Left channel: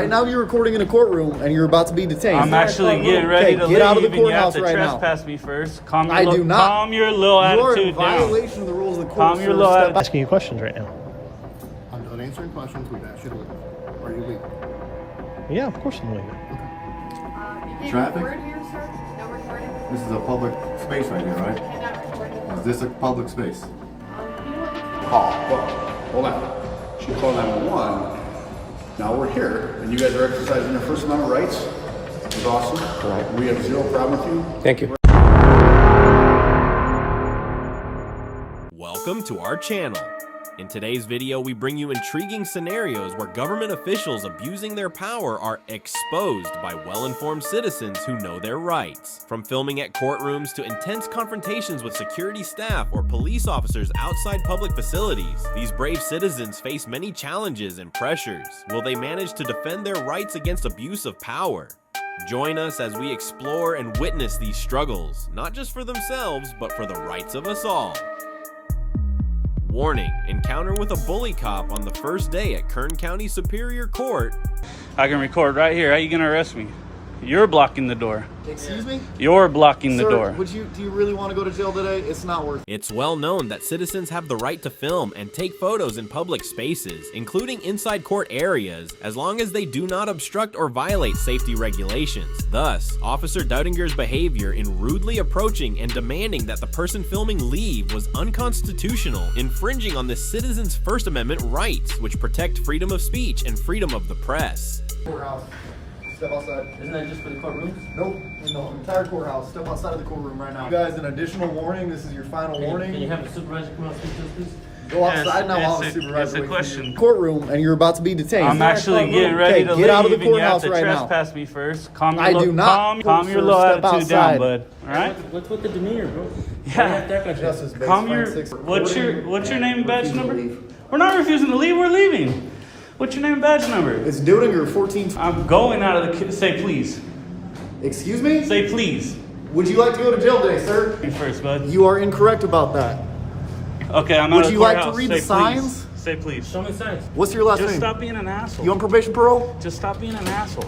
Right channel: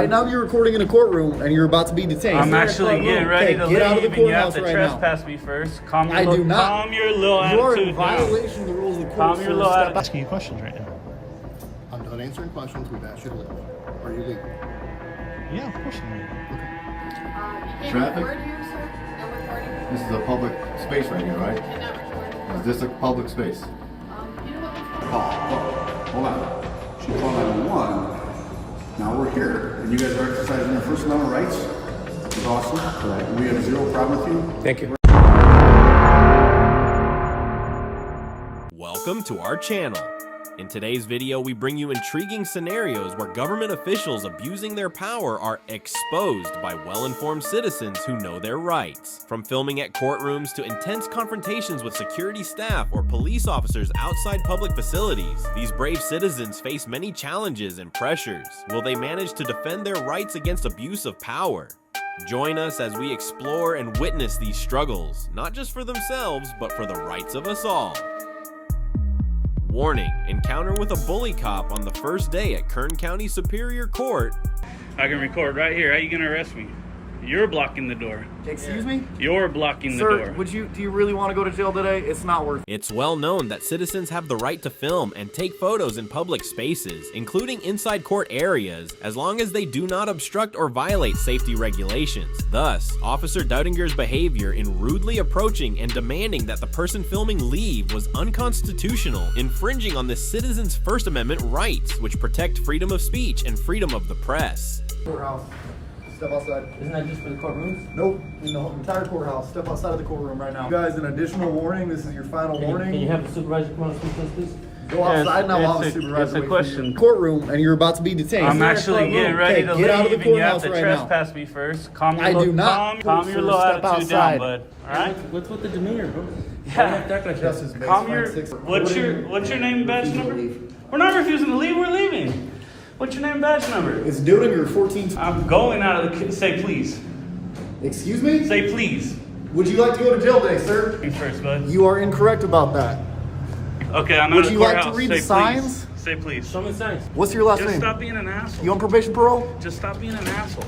Right now you're recording in a courtroom and you're about to be detained. I'm actually getting ready to get out of the leave, and courthouse you have to right now. trespass me first. I do not. Calm your little You are attitude in violation down. of the rules of the court. Calm your little attitude. Asking you questions right now. I'm done answering questions. We've asked you to leave. Are you leaving? Yeah, of course I'm leaving. Okay. Traffic? No recording. This is a public space right here, right? Cannot record. Is this a public space? You know what? Hold on. She called 911. Now we're here, and you guys are exercising your First Amendment rights. It's awesome. We have zero problem with you. Thank you. Welcome to our channel. In today's video, we bring you intriguing scenarios where government officials abusing their power are exposed by well-informed citizens who know their rights. From filming at courtrooms to intense confrontations with security staff or police officers outside public facilities, these brave citizens face many challenges and pressures. Will they manage to defend their rights against abuse of power? Join us as we explore and witness these struggles, not just for themselves, but for the rights of us all. Warning, encounter with a bully cop on the first day at Kern County Superior Court. I can record right here. How you gonna arrest me? You're blocking the door. Excuse me? You're blocking the door. Sir, do you really want to go to jail today? It's not worth it. It's well known that citizens have the right to film and take photos in public spaces, including inside court areas, as long as they do not obstruct or violate safety regulations. Thus, Officer Doudinger's behavior in rudely approaching and demanding that the person filming leave was unconstitutional, infringing on the citizen's First Amendment rights, which protect freedom of speech and freedom of the press. Courthouse. Step outside. Isn't that just for the courtrooms? Nope. In the entire courthouse. Step outside of the courtroom right now. You guys, an additional warning. This is your final warning. Can you have the supervisor come on and speak to us, please? Go outside now while the It's supervisor a waits question. for you. Courtroom and you're about to be detained. I'm actually getting ready to leave, get out of the and you have courthouse to right now. trespass me first. I do not. Calm your Sir, little step attitude outside. down, bud. All right? What's with the demeanor, bro? Yeah. You have to act like Justice that. base, Calm fine, your, 6. what's your name and badge Refusing to number? leave. We're not refusing to leave, we're leaving. What's your name and badge number? It's Doedinger 14. I'm going out of the, say please. Excuse me? Say please. Would you like to go to jail today, sir? Thanks first, bud. You are incorrect about that. Okay, I'm Would out of you the like to courthouse. read Say the signs? Please. Say please. Show me signs. What's your last Just name? stop being an asshole. You on probation parole? Just stop being an asshole.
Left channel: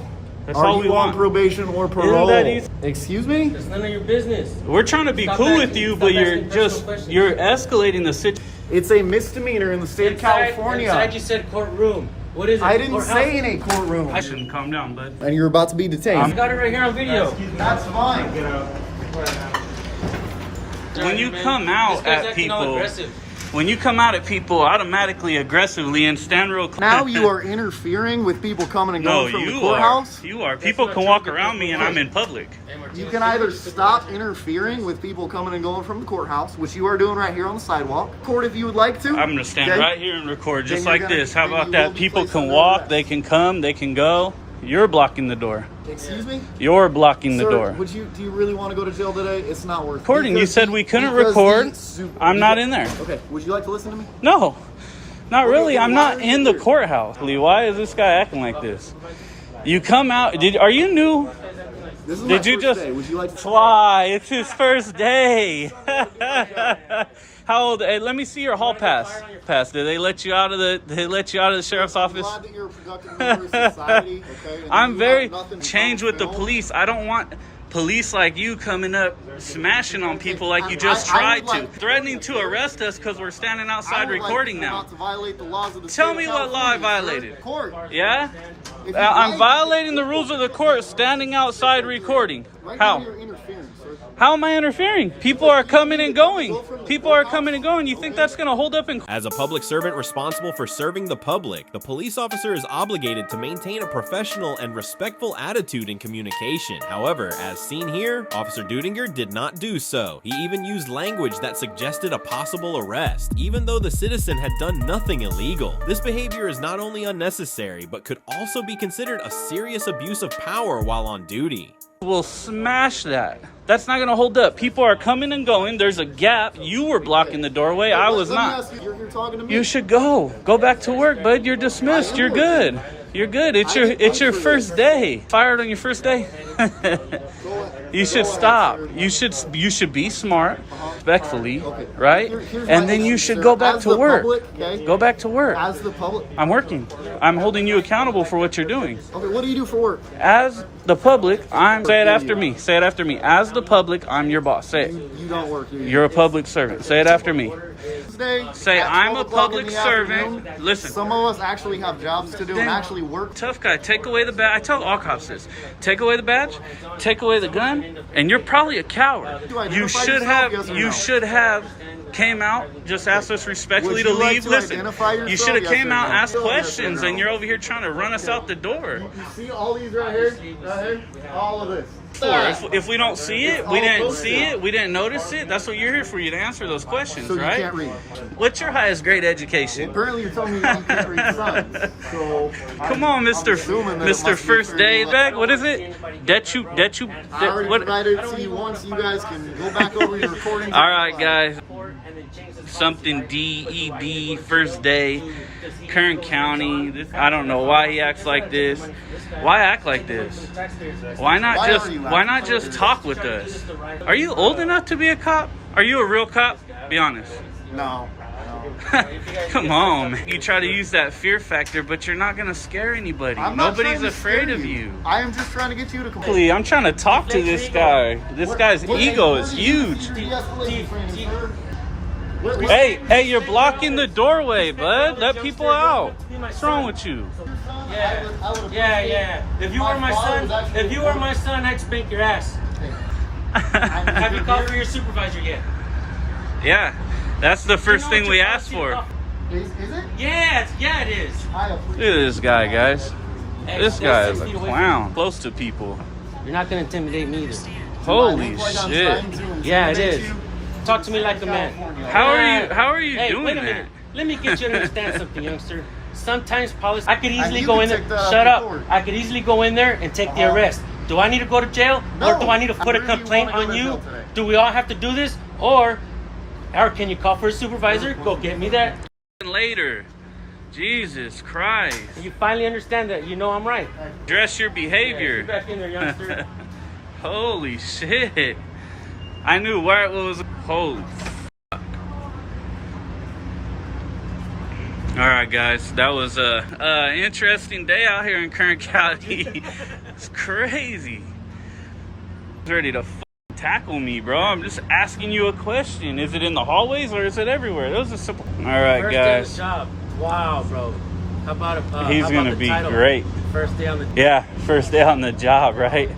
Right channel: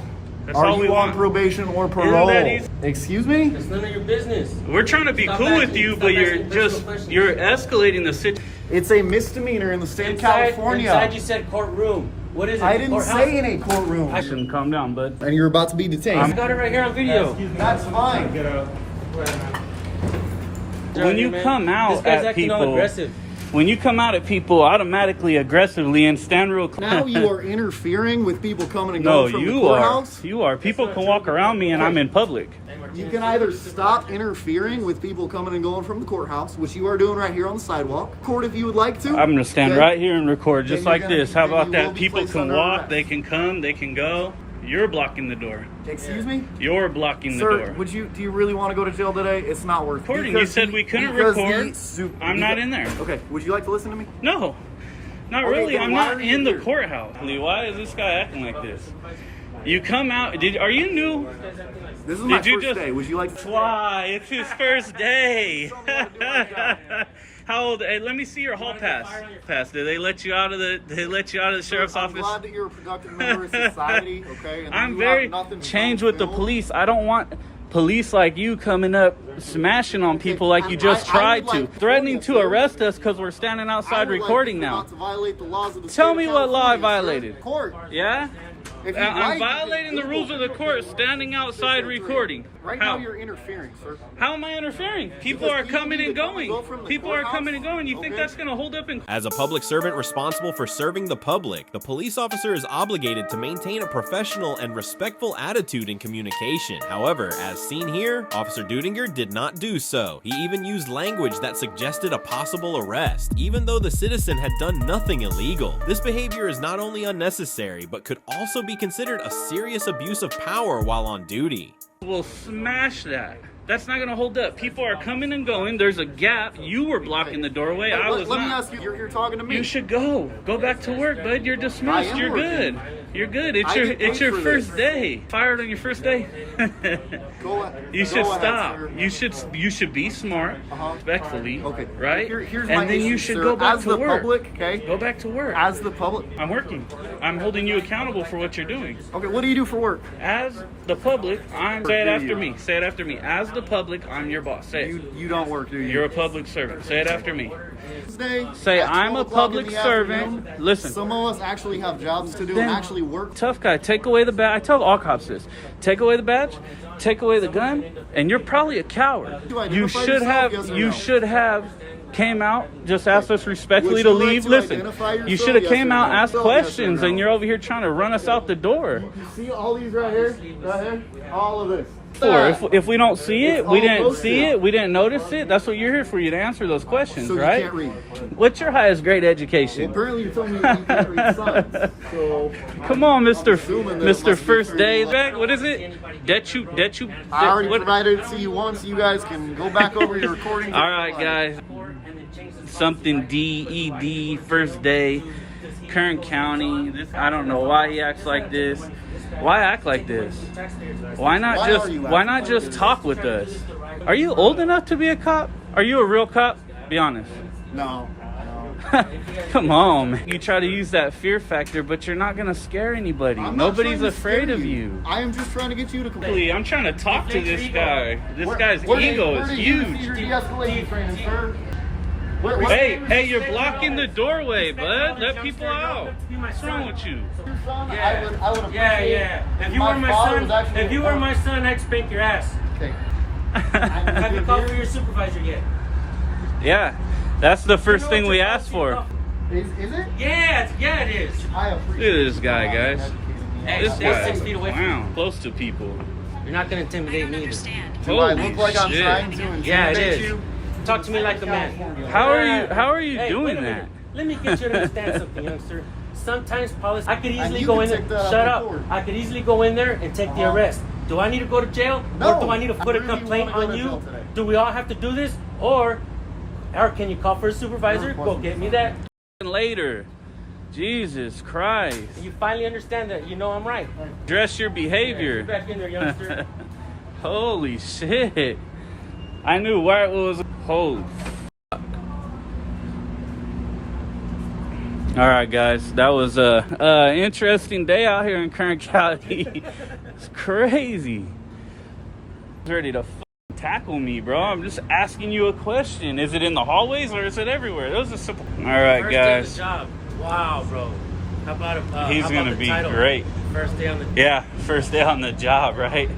That's Are all we you on want. probation or that parole? easy? Excuse me? It's none of your business. We're trying to be Stop cool asking- with you, stop but you're asking personal just, questions. you're escalating the situation. It's a misdemeanor in the state of California. Inside you said courtroom. What is it? I didn't Courthouse? say in a courtroom. I shouldn't calm down, bud. And you're about to be detained. I got it right here on video. That's fine. When you come out This guy's at acting all people, aggressive. when you come out at people automatically aggressively and stand real close. Now you are interfering with people coming and No, going from the you courthouse. are. You are. People can walk around me and I'm in public. You can either stop interfering with people coming and going from the courthouse, which you are doing right here on the sidewalk. Court, if you would like to. I'm gonna stand Okay? right here and record just Then you're like gonna- this. How then about you will that? be People placed can under walk, arrest. they can come, they can go. You're blocking the door. Excuse me? You're blocking the Sir, door. do you really want to go to jail today? It's not worth it. Recording. You Because said the- we couldn't because record. the I'm not in there. Okay, would you like to listen to me? No, not Okay, really. then I'm why not are you in the here? courthouse. Lee, why is this guy acting like this? You come out. Are you new? This is my Did you first just? day. Would you like to? Why? It's his first day. How old? Hey, let me see your hall pass. Did they let you out of the? They let you out of the sheriff's I'm office? glad that you're a productive member of society, okay? And I'm you very have nothing to changed do with the film. police. I don't want police like you coming up smashing on people like you just I would tried to. like- Threatening to arrest us because we're standing I outside would like recording you now. not to violate the laws of the Tell state me of what law I California, sir. violated. Court. Yeah? If you I'm like- violating the rules of the court standing outside recording. Right How? now you're interfering, sir. How am I interfering? People are coming and going. People are coming and going. You think that's going to hold up in As a public servant responsible for serving the public, the police officer is obligated to maintain a professional and respectful attitude in communication. However, as seen here, Officer Doedinger did not do so. He even used language that suggested a possible arrest, even though the citizen had done nothing illegal. This behavior is not only unnecessary, but could also be considered a serious abuse of power while on duty. will smash that. That's not going to hold up. People are coming and going. There's a gap. You were blocking the doorway. I was Let me not. ask you, you're here talking to me? You should go. Go back to work, bud. You're dismissed. I am You're working. good. You're good. It's I your get paid it's your for first this. day. Fired on your first day. Go You should go ahead, stop. sir. You should be smart, respectfully, Okay. right? Here's my And then you issue, should sir. go back As to the work. public, okay? Go back to work. As the public. I'm working. I'm holding you accountable for what you're doing. Okay, what do you do for work? As the public, I'm. Say it Do after you? me. Say it after me. As the public, I'm your boss. Say it. You don't work, do you? You're a public servant. Say it after me. Tuesday, Say, at I'm 12 a o'clock in public the servant. afternoon, Listen. Some of us actually have jobs to do Then- and actually work. Tough guy, take away the badge. I tell all cops this. Take away the badge, take away the gun, and you're probably a coward. You identify You should yourself, have yes or you no? should have came out, just asked us respectfully Would to you like leave. to Listen, identify you yourself, should have yes came or out, no? asked Yes or questions, no? and you're over here trying to run us out the door. You see all these right here? Right here? All of this. If we don't see it, we all didn't posted. see it, we didn't notice it. That's what you're here for, you to answer those questions, So you right? can't read. What's your highest grade education? Apparently you're telling me that you can't read signs. So Come on, I'm Mr. assuming that it must be First Day. fairly Bag, what is it? I already what? provided it to you once. You guys can go back over your recordings. All right, guys. Something DED, First Day, Kern County. I don't know why he acts like this. Why act like this? Why not Why just are you why acting not like just this? talk with us? Are you old enough to be a cop? Are you a real cop? Be honest. No. Come on, man. You try to use that fear factor, but you're not gonna scare anybody. I'm not Nobody's trying to afraid scare of you. I am just trying to get you to complain. I'm trying to talk to this guy. This guy's ego is huge. Your de-escalation training, sir. Hey, you're blocking the doorway, bud. Let people out. What's wrong with you? I would appreciate Yeah. If you were my son, I'd spank your ass. Okay. Have you called for your supervisor yet? Yeah, that's the first thing we asked for. Is it? Yeah, it is. I Look appreciate at this guy, guys. Hey, This stay guy 6 is feet a away from clown. Close to people. me. You're not gonna intimidate me either. Do I Holy look like I'm shit. trying to intimidate Yeah, it is. you? Talk to me like a man. How are you Hey, doing wait a minute. that? Let me get you to understand something, youngster. Sometimes policy, I could easily you go can in there. take that up Shut in up. court. I could easily go in there and take the Uh-huh. arrest. Do I need to go to jail? No. Or do I need to put a I really complaint wanna go on to you? jail today. Do we all have to do this? Or can you call for a supervisor? Go get me that. Later. Jesus Christ. You finally understand that. You know I'm right. Dress your Get behavior. back in there, youngster. Holy shit. I knew where it was. Holy fuck. All right, guys. That was a interesting day out here in Kern County. It's crazy. He's ready to tackle me, bro. I'm just asking you a question. Is it in the hallways or is it everywhere? Those are simple. All right, First guys. day on the job. Wow, bro. How about it? He's how about gonna the be title? great. First day on the Yeah, first day on the job, right?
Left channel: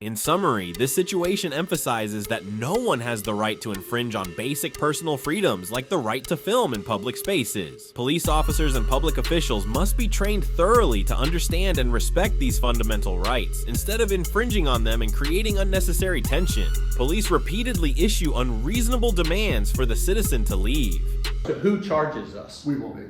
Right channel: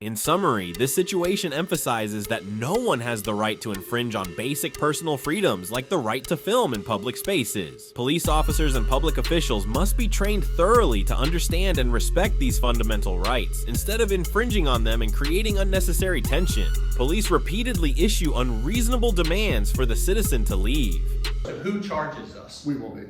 In summary, this situation emphasizes that no one has the right to infringe on basic personal freedoms like the right to film in public spaces. Police officers and public officials must be trained thoroughly to understand and respect these fundamental rights, instead of infringing on them and creating unnecessary tension. Police repeatedly issue unreasonable demands for the citizen to leave. So who charges us? We will be.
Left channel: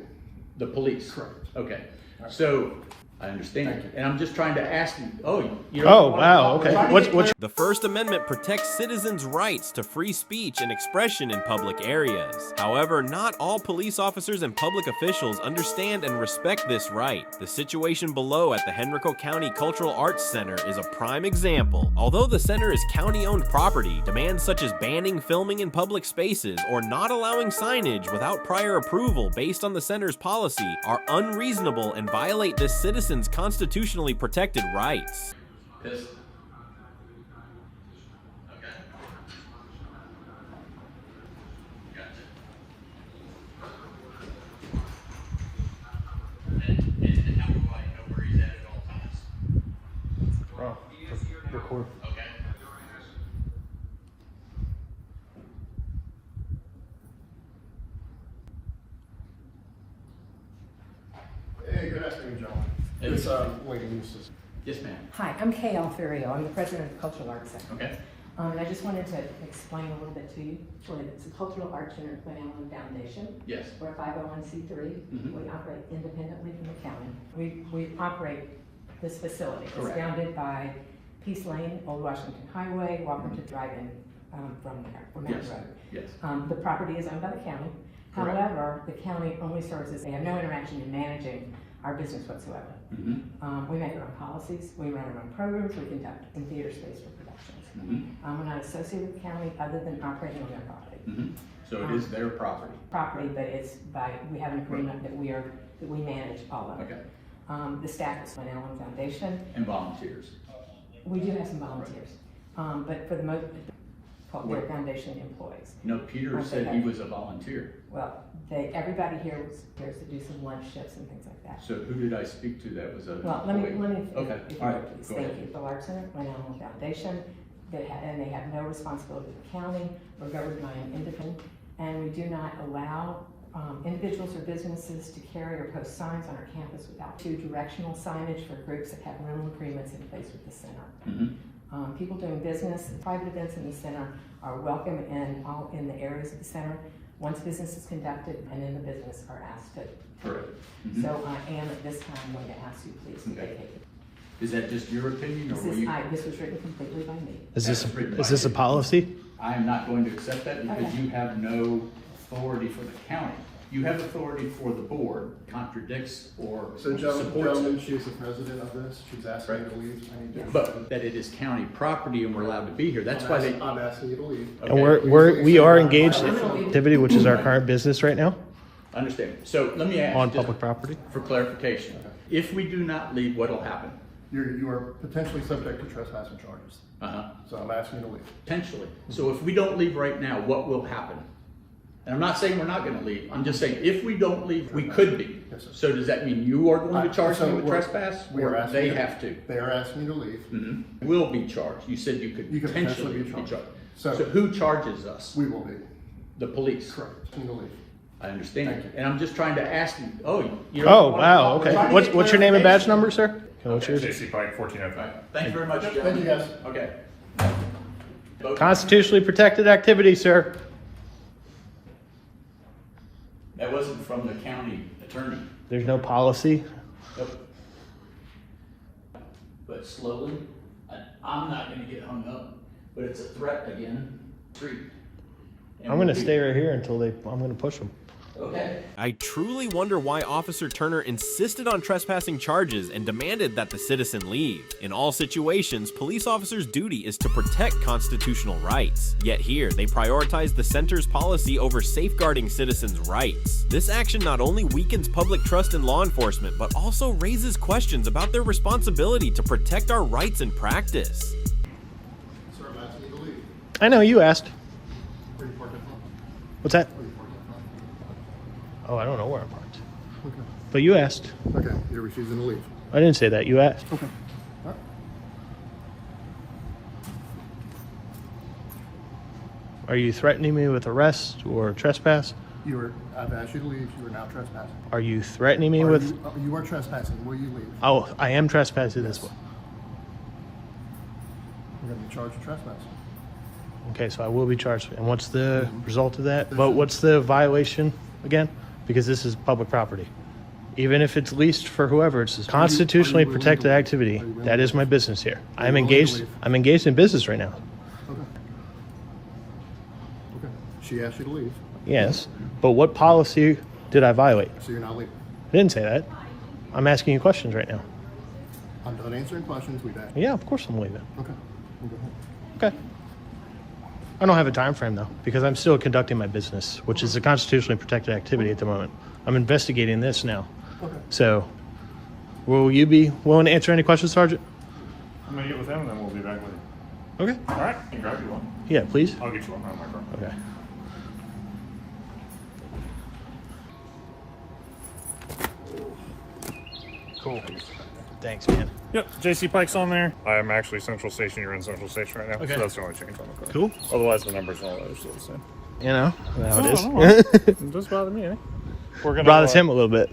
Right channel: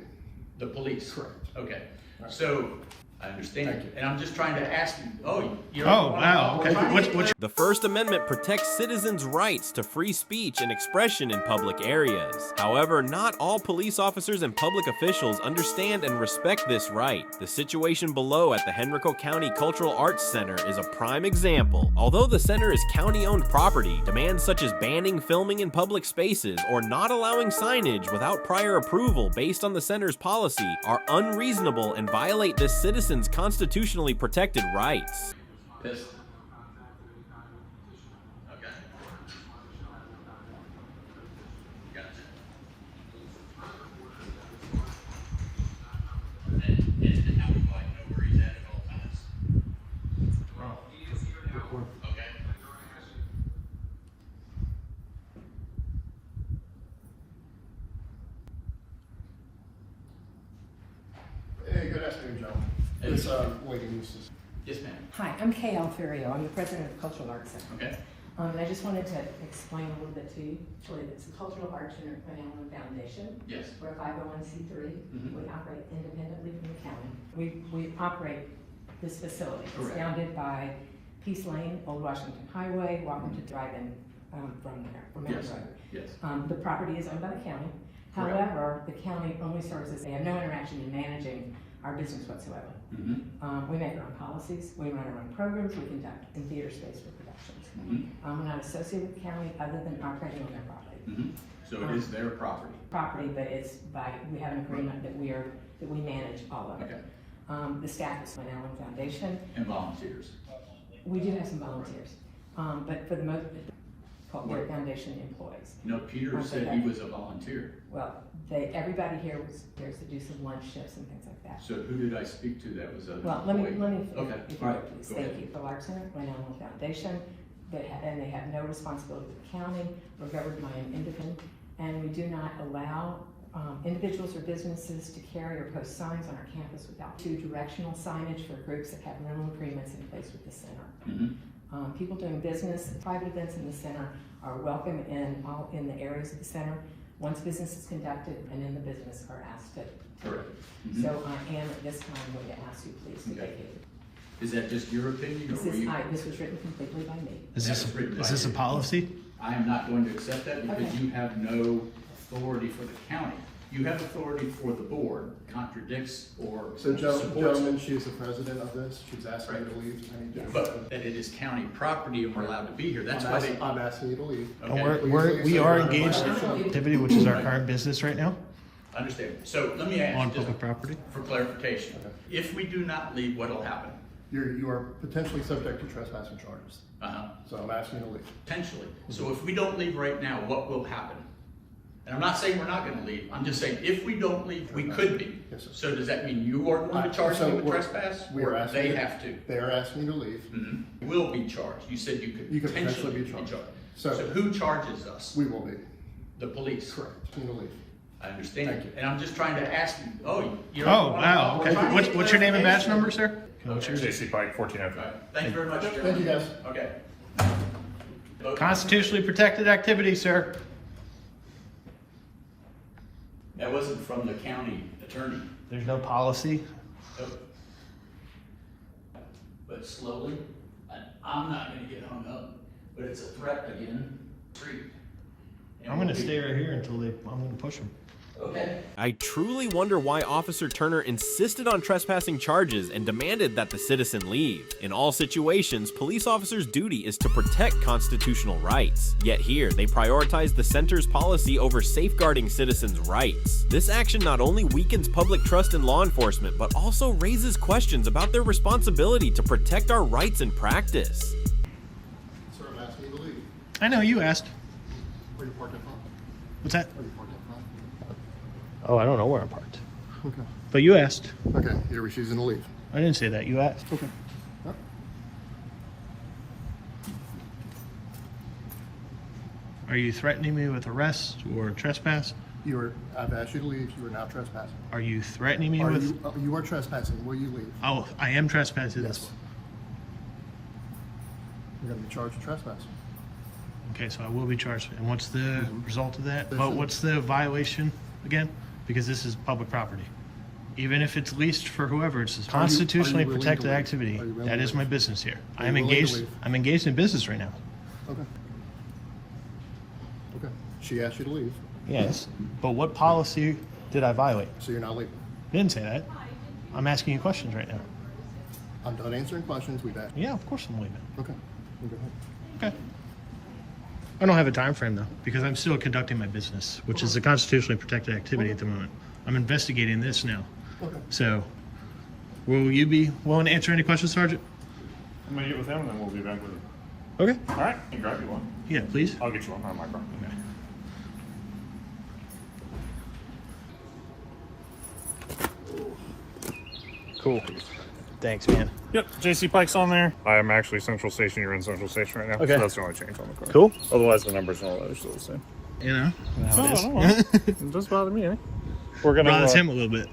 The police? Correct. Okay. So, I understand. And I'm just trying to ask you, you Oh, wow, okay. What's The First Amendment protects citizens' rights to free speech and expression in public areas. However, not all police officers and public officials understand and respect this right. The situation below at the Henrico County Cultural Arts Center is a prime example. Although the center is county-owned property, demands such as banning filming in public spaces or not allowing signage without prior approval based on the center's policy are unreasonable and violate this citizen's constitutionally protected rights. Hey, good afternoon, gentlemen. It's Wiggins. Yes, ma'am. Hi, I'm Kay Alferio. I'm the president of the Cultural Arts Center. Okay. And I just wanted to explain a little bit to you. It's a cultural arts center family foundation. Yes. We're a 501c3. Mhm. We operate independently from the county. We operate this facility. It's Correct. bounded by Peace Lane, Old Washington Highway, Walker to Drive-In from there, from Mountain Yes. Road. Yes. The property is owned by the county, However, the county only serves as, they have no interaction in managing our business whatsoever. We make our own policies, we run our own programs, we conduct in theater space for productions. We're not associated with the county other than operating on their property. So it is their property. Property, but it's by, we have an agreement that we manage all of it. Okay. The staff is Glen Allen Foundation. And volunteers. We do have some volunteers, but for the most, called their foundation employees. No, Peter said he was a volunteer. Well, everybody here was here to do some lunch shifts and things like that. So who did I speak to that was a? Well, let me, Okay. if you All would, right. please. Go Thank ahead. you. The Art Center, Glen Allen Foundation, and they have no responsibility to the county. We're governed by an independent, and we do not allow individuals or businesses to carry or post signs on our campus without directional signage for groups that have rental agreements in place with the center. People doing business, private events in the center are welcome in the areas of the center. Once business is conducted and in the business are asked to. Correct. So I am at this time going to ask you please to vacate. Is that just your opinion, or This was written completely by me. Is this a policy? I am not going to accept that because Okay. you have no authority for the county. You have authority for the board, contradicts or So supports gentlemen, it. she's the president of this, she's asking me to leave, I need to. But that it is county property and we're allowed to be here, that's why they. I'm asking you to leave. And Okay. we are engaged in activity, which is our current business right now, I understand. So let me ask on you public property. for clarification. If we do not leave, what will happen? You are potentially subject to trespassing charges, so I'm asking you to leave. Potentially. So if we don't leave right now, what will happen? And I'm not saying we're not gonna leave, I'm just saying if we don't leave, we could be. Yes, sir. So does that mean you are going to charge So me with we're- trespass? We are or asking. They you- have to. They are asking you to leave. Will be charged. You said you could You could potentially potentially be be charged. charged. So So- who charges us? We will be. The police. Correct. Asking you to leave. I understand. Thank you. And I'm just trying to ask you, you don't. Oh, wow, okay. What's your name and badge number, sir? What's yours? JC Pike, 1405. Thank you very much. Thank you, guys. Okay. Constitutionally protected activity, sir. That wasn't from the county attorney. There's no policy. Nope. But slowly, and I'm not gonna get hung up, but it's a threat again. Street. And I'm gonna we- stay right here until I'm gonna push them. Okay. I truly wonder why Officer Turner insisted on trespassing charges and demanded that the citizen leave. In all situations, police officers' duty is to protect constitutional rights. Yet here, they prioritize the center's policy over safeguarding citizens' rights. This action not only weakens public trust in law enforcement, but also raises questions about their responsibility to protect our rights in practice. Sir, I'm asking you to leave. I know, you asked. Where you parked at home? What's that? Where you parked at home? Oh, I don't know where I'm parked. But you asked. Okay, you're refusing to leave. I didn't say that, you asked. Okay. All right. Are you threatening me with arrest or trespass? I've asked you to leave, you are now trespassing. Are you threatening me with... You are trespassing, will you leave? Oh, I am trespassing Yes. this way. You're gonna be charged with trespassing. Okay, so I will be charged. And what's the result of that? There's But a- what's the violation again? Because this is public property. Even if it's leased for whoever, it's constitutionally willing to protected leave? activity. Are you willing That to is leave? my business here. Are you willing to leave? I'm engaged in business right now. Okay. Okay, she asked you to leave, Yes. But what policy did I violate? so you're not leaving. I didn't say that. I'm asking you questions right now. I'm done answering questions, we've asked. Yeah, of course I'm leaving. Okay, you go ahead. Okay. I don't have a time frame though, because I'm still conducting my business, which is a constitutionally protected activity at the moment. I'm investigating this now. Okay. So, will you be willing to answer any questions, Sergeant? I'm gonna get with him and then we'll be back with you. Okay. All right, you can grab you one. Yeah, please. I'll get you one on my car. Okay. Cool. Thanks, man. Yep, JC Pike's on there. I am actually Central Station. You're in Central Station right now. Okay. So that's the only change on the phone. Cool. Otherwise, the numbers are still the same. You know, No, no, it does bother me, eh? We're gonna bothers him a little bit.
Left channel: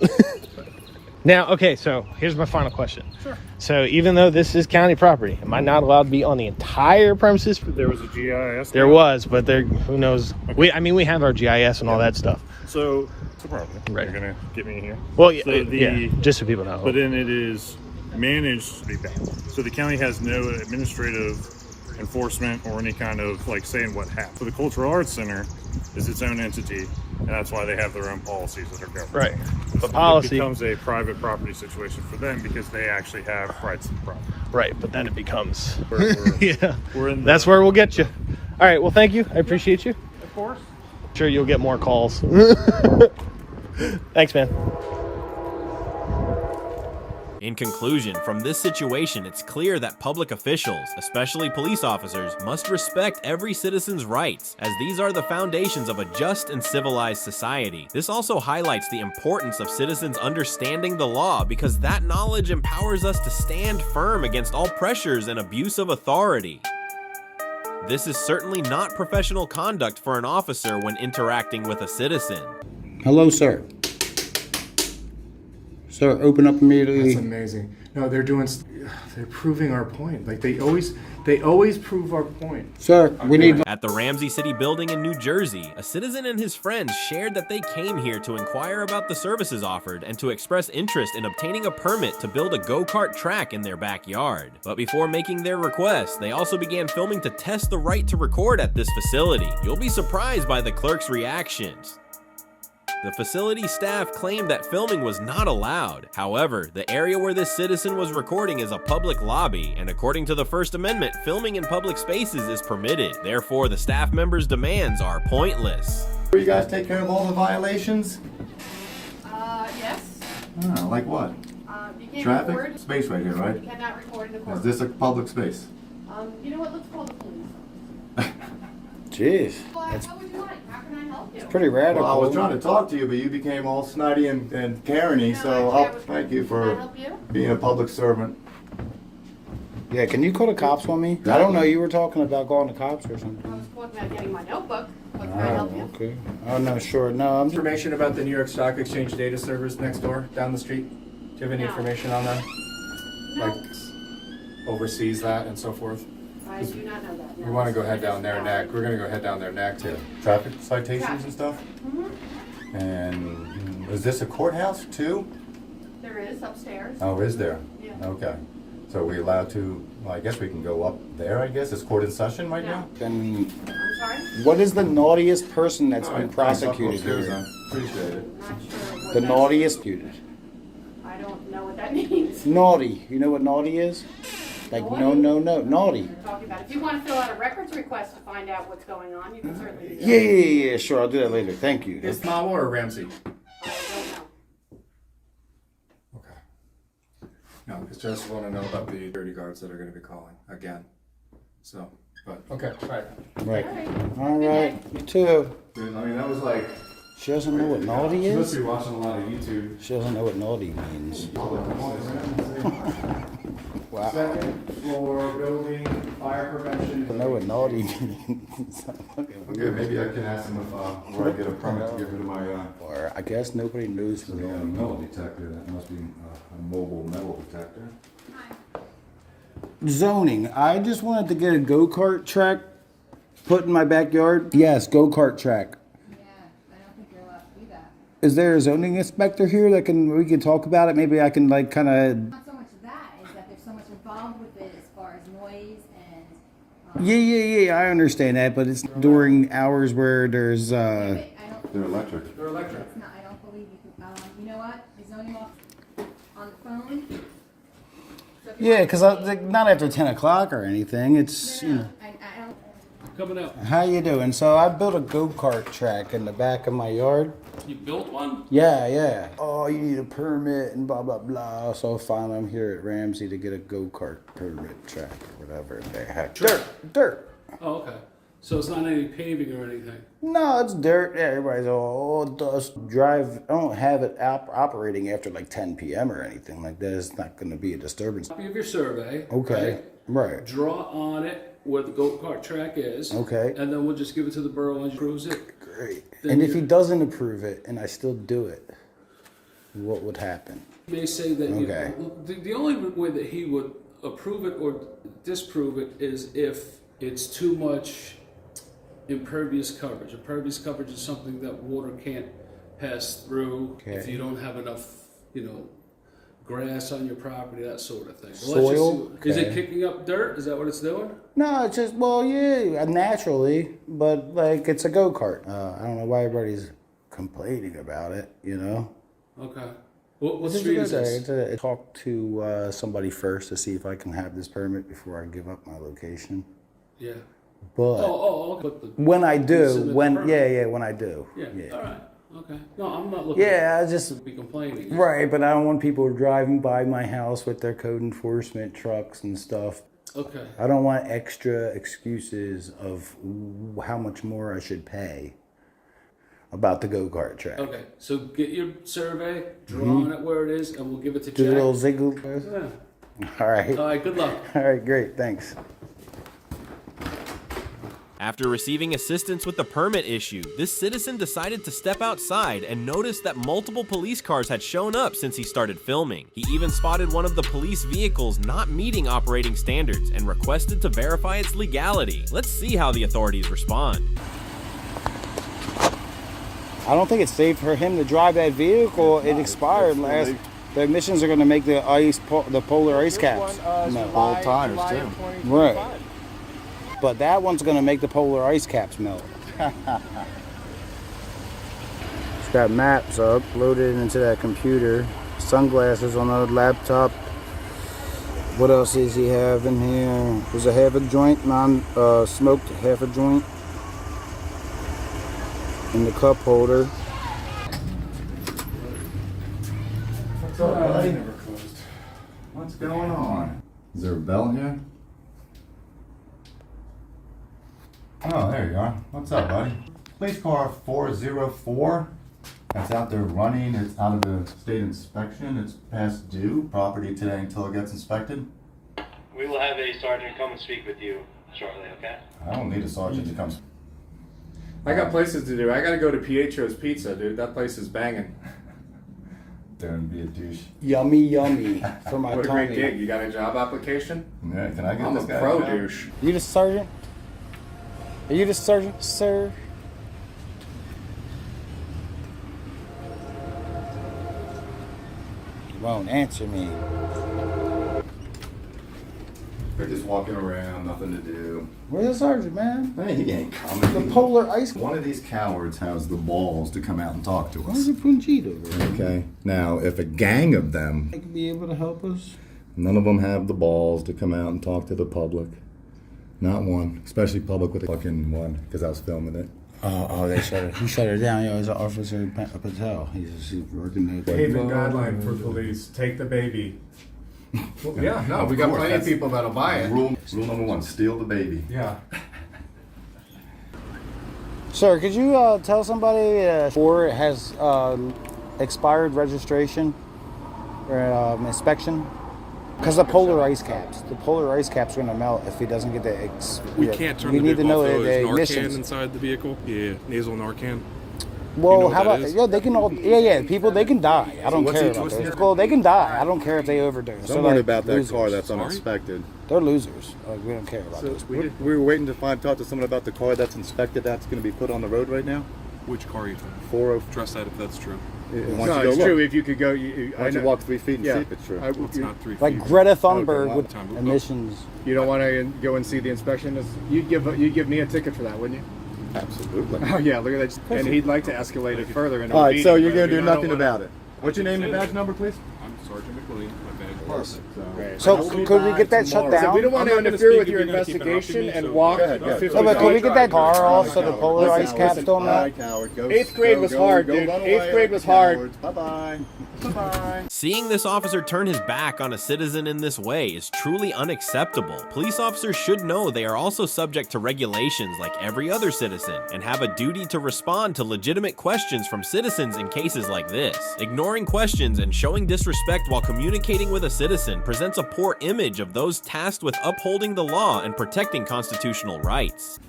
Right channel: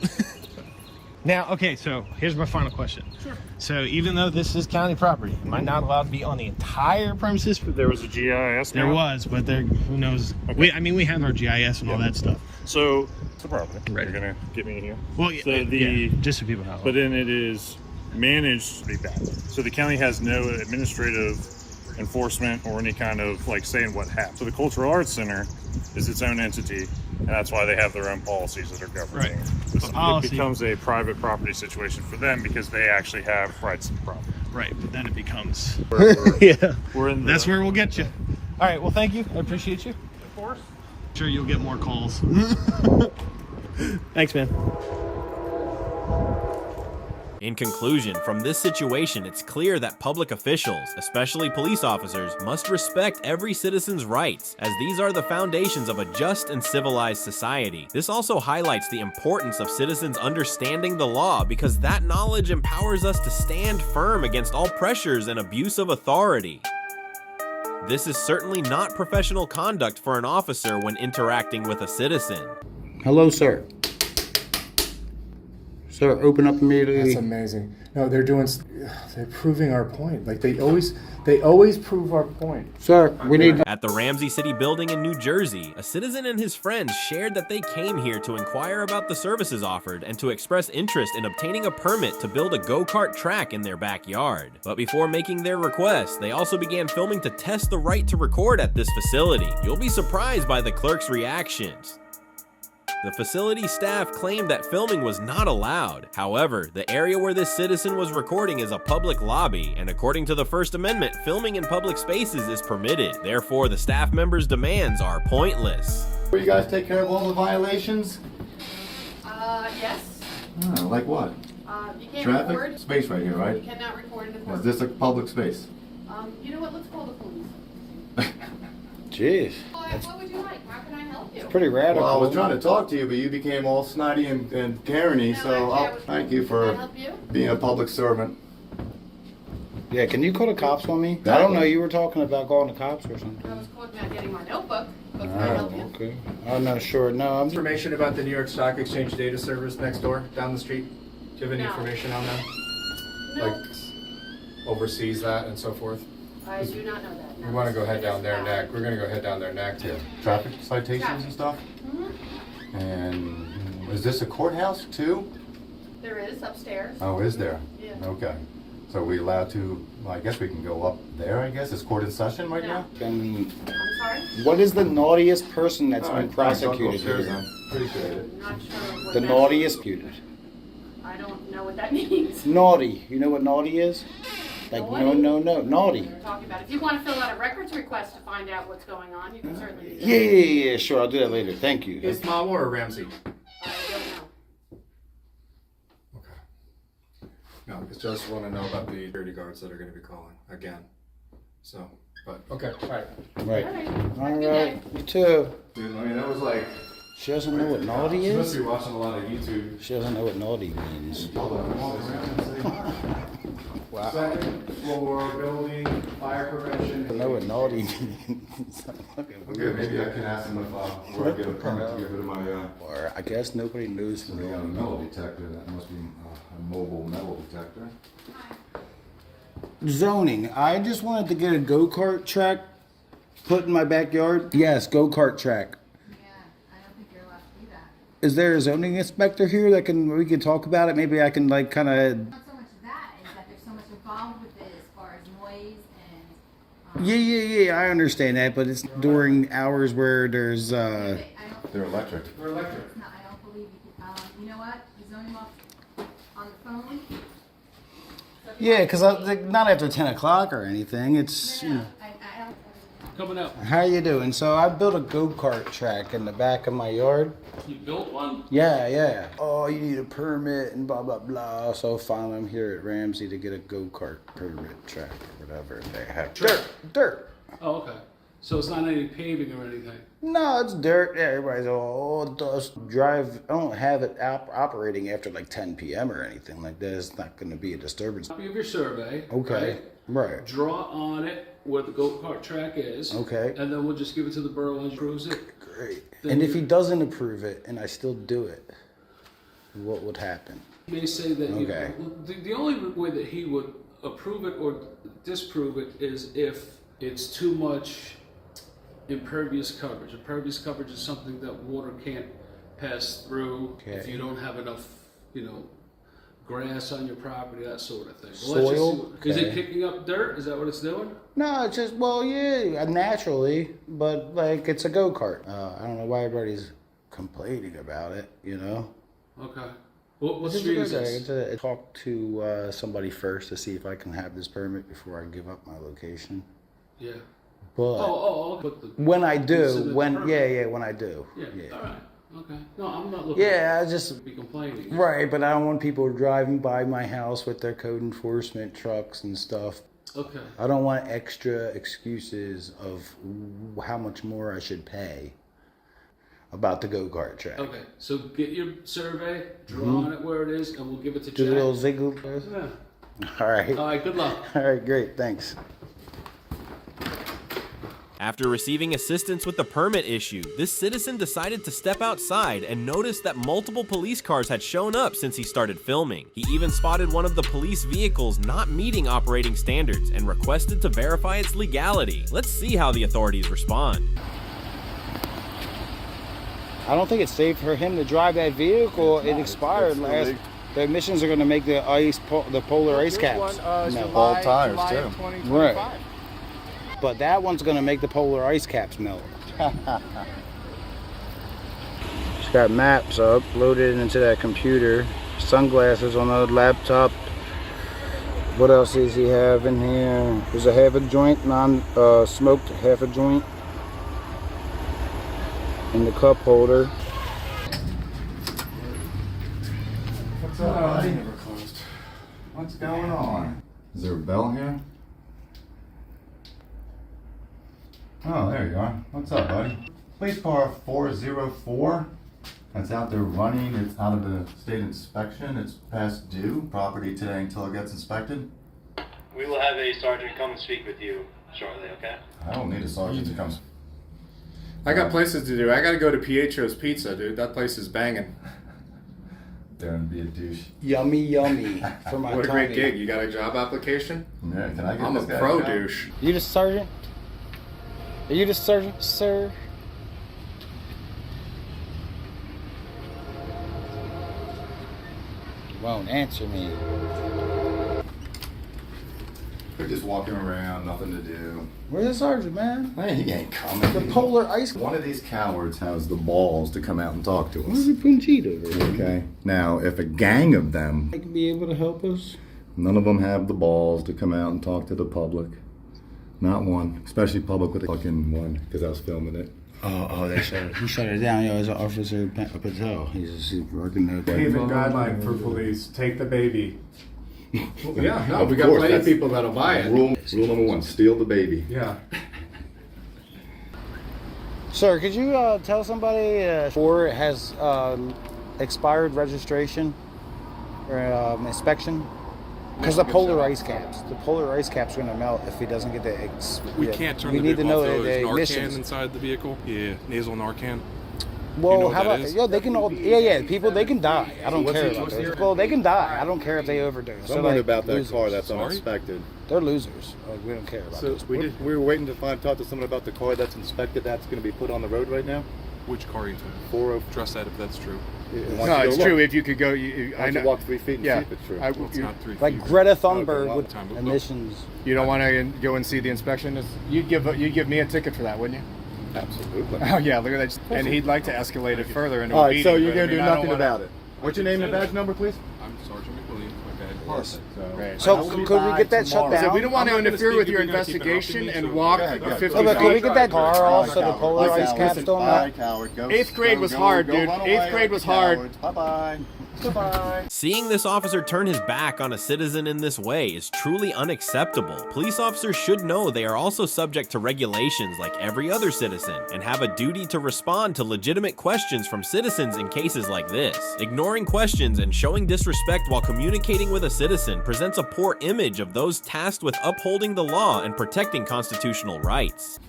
Now, okay, so here's my final question. Sure. So even though this is county property, am I not allowed to be on the entire premises? There was a GIS. There map. was, but there, who knows? Okay. We have our GIS and all that stuff. So it's a property. Right. You're gonna get me here. Well, yeah, So yeah, just so people know. But then it is managed pretty bad. So the county has no administrative enforcement or any kind of like saying what happened. So the Cultural Arts Center is its own entity, and that's why they have their own policies that are governing. Right. The It policy becomes a private property situation for them because they actually have rights to the property. right, but then it becomes We're yeah. in the- That's where we'll get you. All right, well, thank you. I appreciate you. Of course. Sure, you'll get more calls. Thanks, man. In conclusion, from this situation, it's clear that public officials, especially police officers, must respect every citizen's rights, as these are the foundations of a just and civilized society. This also highlights the importance of citizens understanding the law, because that knowledge empowers us to stand firm against all pressures and abuse of authority. This is certainly not professional conduct for an officer when interacting with a citizen. Hello, sir. Sir, open up immediately. That's amazing. No, they're proving our point. Like they always prove our point. Sir, we need... At the Ramsey City building in New Jersey, a citizen and his friends shared that they came here to inquire about the services offered and to express interest in obtaining a permit to build a go-kart track in their backyard. But before making their request, they also began filming to test the right to record at this facility. You'll be surprised by the clerk's reactions. The facility staff claimed that filming was not allowed. However, the area where this citizen was recording is a public lobby, and according to the First Amendment, filming in public spaces is permitted. Therefore, the staff members' demands are pointless. You guys take care of all the violations? Yes. Oh, like what? You can't Traffic? record. Space right here, right? You cannot record in the Is court. this a public space? You know what? Let's call the police. Jeez. What would you like? How can I help you? Pretty radical. Well, I was trying to talk to you, but you became all snotty and Karen-y, so thank you Can I for help you? being a public servant. Yeah, can you call the cops on me? I don't know, you were talking about calling the cops or something. I was calling about getting my notebook. But can I help you? Okay. Oh, no, sure. No, I'm... Information about the New York Stock Exchange data servers next door, down the street? Do you have any No. information on them? No, Like, oversees that and so forth? I do not know that. No. We want to go head down there next. We're going to go head down there next to traffic citations and stuff. Mm-hmm. And is this a courthouse too? There is upstairs. Oh, is there? Yeah. Okay. So are we allowed to, well, I guess we can go up there, I guess? Is court in session right now? Then I'm sorry? what is the naughtiest person that's All been right, thanks. I'll go prosecuted upstairs here? then. Appreciate it. I'm not sure what The that naughtiest prosecuted. I don't know what that means. Naughty. You know what naughty is? Like, Naughty? no, naughty. You're talking about. If you want to fill out a records request to find out what's going on, you can certainly do that. Yeah, sure. I'll do that later. Thank you. Is Mawa or Ramsey? I don't know. Okay. No, because just want to know about the security guards that are going to be calling again. So, but, okay, all right. Right. All right. All Have a right. good You too. Dude, I mean, that was like... She doesn't know what naughty She must is? be watching a lot of YouTube. She doesn't know what naughty means. Wow. Second floor building, fire prevention. I know what naughty means. Okay, maybe I can ask them if where I get a permit to get rid of my, Or I guess nobody knows. so they got a metal detector, that must be a mobile metal detector. Zoning. I just wanted to get a go-kart track put in my backyard. Yes, go-kart track. Yeah, I don't think you're allowed to do that. Is there a zoning inspector here that we can talk about it? Maybe I can like kind of. Not so much that, is that there's so much involved with it as far as noise and... Yeah. I understand that, but it's during hours where there's. I don't, They're electric. They're electric. it's not, I don't believe you can, you know what? Is zoning off on the phone? So if you Yeah, want- because like, not after 10 o'clock or anything. It's. You know. I don't... Coming up. How you doing? So I built a go-kart track in the back of my yard. You built one? Yeah. Oh, you need a permit and blah, blah, blah. So finally I'm here at Ramsey to get a go-kart permit track or whatever they have. Dirt. Oh, okay. So it's not any paving or anything? No, it's dirt. Yeah, everybody's all dust. Drive. I don't have it operating after like 10 p.m. or anything like that. It's not going to be a disturbance. Copy of your survey. Okay. Right. Draw on it where the go-kart track is. Okay. And then we'll just give it to the borough and approves it. Great. Then And if he doesn't approve it and I still do it, what would happen? He may say that Okay. the only way that he would approve it or disprove it is if it's too much impervious coverage. Impervious coverage is something that water can't pass through if Okay. you don't have enough, grass on your property, that sort of thing. Soil? Is it Okay. kicking up dirt? Is that what it's doing? No, it's just, well, yeah, naturally, but like it's a go-kart. I don't know why everybody's complaining about it, you know? Okay. What What street is this? Talk to somebody first to see if I can have this permit before I give up my location. Yeah. But But the, when I do, submit the when permit. when I do. Yeah. All right. Okay. No, I'm not looking. Yeah, I to just be complaining. right, but I don't want people driving by my house with their code enforcement trucks and stuff. Okay. I don't want extra excuses of how much more I should pay about the go-kart track. Okay. So get your survey, draw on it where it is, and we'll give it to Do Jack. a little ziggle. Yeah. All right. All right. Good luck. All right, great. Thanks. After receiving assistance with the permit issue, this citizen decided to step outside and noticed that multiple police cars had shown up since he started filming. He even spotted one of the police vehicles not meeting operating standards and requested to verify its legality. Let's see how the authorities respond. I don't think it's safe for him to drive that vehicle. It expired last. The emissions are going to make the polar ice caps melt. Bald tires too. Right. But that one's going to make the polar ice caps melt. It's got maps up, loaded into that computer. Sunglasses on the laptop. What else does he have in here? There's a half a joint, non-smoked half a joint. In the cup holder. What's up, buddy? What's going on? Is there a bell here? Oh, there you are. What's up, buddy? Police car 404. That's out there running. It's out of the state inspection. It's past due. Property today until it gets inspected. We will have a sergeant come and speak with you shortly, okay? I don't need a sergeant to come. I got places to do. I gotta go to Pietro's Pizza, dude. That place is banging. Daring to be a douche. Yummy, yummy. For my What a great tummy. gig. You got a job application? Yeah, can I get I'm this a guy pro to come? douche. You the sergeant? Are you the sergeant, sir? You won't answer me. They're just walking around, nothing to do. Where's the sergeant, man? Hey, he ain't coming. The polar ice. One of these cowards has the balls to come out and talk to Where's us. the Punchito over there? Okay. Now, if a gang of them, They could be able to help us. none of them have the balls to come out and talk to the public. Not one, especially public with a fucking one, because I was filming it. Oh, they shut it. He shut it down. Yeah, it was Officer Patel. He's working there. Payment guideline for police. Take the baby. Well, yeah, no, Of we got course, plenty of that's people that'll buy it. Rule number one, steal the baby. Yeah. Sir, could you tell somebody or it has expired registration or inspection? Because the polar ice caps. The polar ice caps are going to melt if he doesn't get the. We can't turn we the need to vehicle know off. the There's Narcan emissions. inside the vehicle. Yeah, nasal Narcan. Well, know what how that about is? yeah? They can all people. They can die. I don't care about those. Well, they can die. I don't care if they overdose. Don't worry about that losers. car that's Sorry? uninspected. They're losers. We don't care about those. We were waiting to talk to someone about the car that's inspected that's going to be put on the road right now. Which car are you talking? 404. Trust that if that's true. No, it's true. If you could go, Why don't you walk 3 feet and see if it's true? It's not 3 feet. Like Greta Thunberg well, with emissions. You don't want to go and see the inspection? You'd give me a ticket for that, wouldn't you? Absolutely. Oh yeah, look at that. And he'd like to escalate it further. And All right, so you're going to do nothing about it. What's your name and badge number, please? I'm Sergeant McLean. My badge. So could we get that shut down? We don't want to interfere with your investigation and walk 50 Oh, but could we feet. get that car off so the polar ice caps don't melt? Eighth grade was hard, dude. Eighth grade was hard. Bye-bye. Bye-bye. Seeing this officer turn his back on a citizen in this way is truly unacceptable. Police officers should know they are also subject to regulations like every other citizen and have a duty to respond to legitimate questions from citizens in cases like this. Ignoring questions and showing disrespect while communicating with a citizen presents a poor image of those tasked with upholding the law and protecting constitutional rights.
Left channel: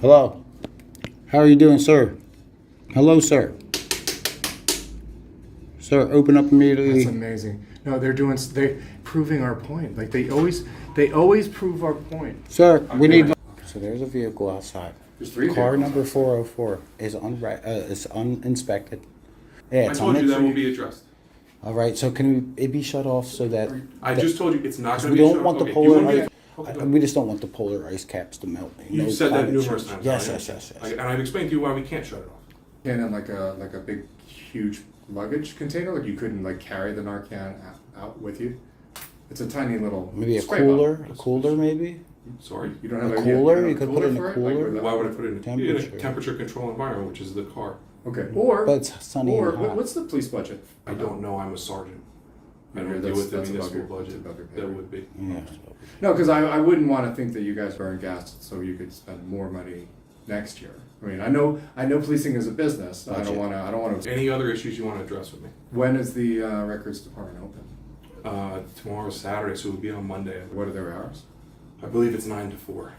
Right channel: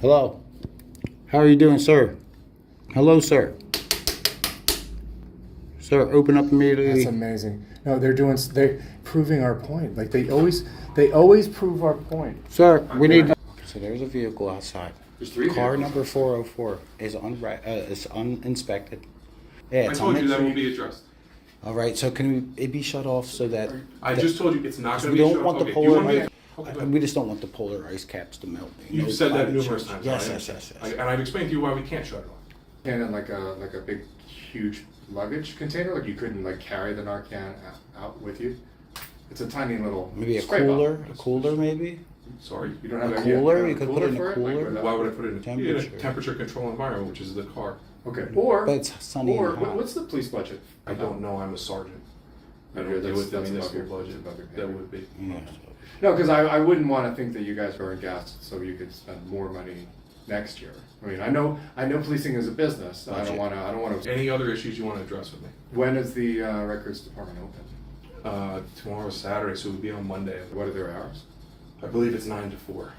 Hello. How are you doing, sir? Hello, sir. Sir, open up immediately. That's amazing. No, they're proving our point. Like they always prove our point. Sir, we need. So there's a vehicle outside. There's 3 Car vehicles. number 404 is uninspected. Yeah, I it's told you that will be addressed. All right, so can it be shut off so that I just told you it's not so going we to be don't shut want off. the Okay, you polar want me ice. We just don't want the polar ice caps to melt. You've said that numerous times. Yes, I yes, understand. yes, yes. And I've explained to you why we can't shut it off. And then like a big, huge luggage container, like you couldn't like carry the Narcan out with you. It's a tiny little. Maybe a spray cooler, bottle. a cooler maybe? Sorry? You don't have A cooler? You could put it in for a it? Like cooler? with Why would I put it in a Temperature. temperature control environment, which is the car? Okay. Or But it's sunny or and hot. what's the police budget? I don't know, I'm a sergeant. I Yeah, don't deal with the that's above municipal your- budget. above your pay That grade. would be. Yeah. No, because I wouldn't want to think that you guys burn gas so you could spend more money next year. I mean, I know policing is a business. So I don't want to. Any other issues you want to address with me? When is the records department open? Tomorrow's Saturday, so it would be on Monday. What are their hours? I believe it's 9 to 4.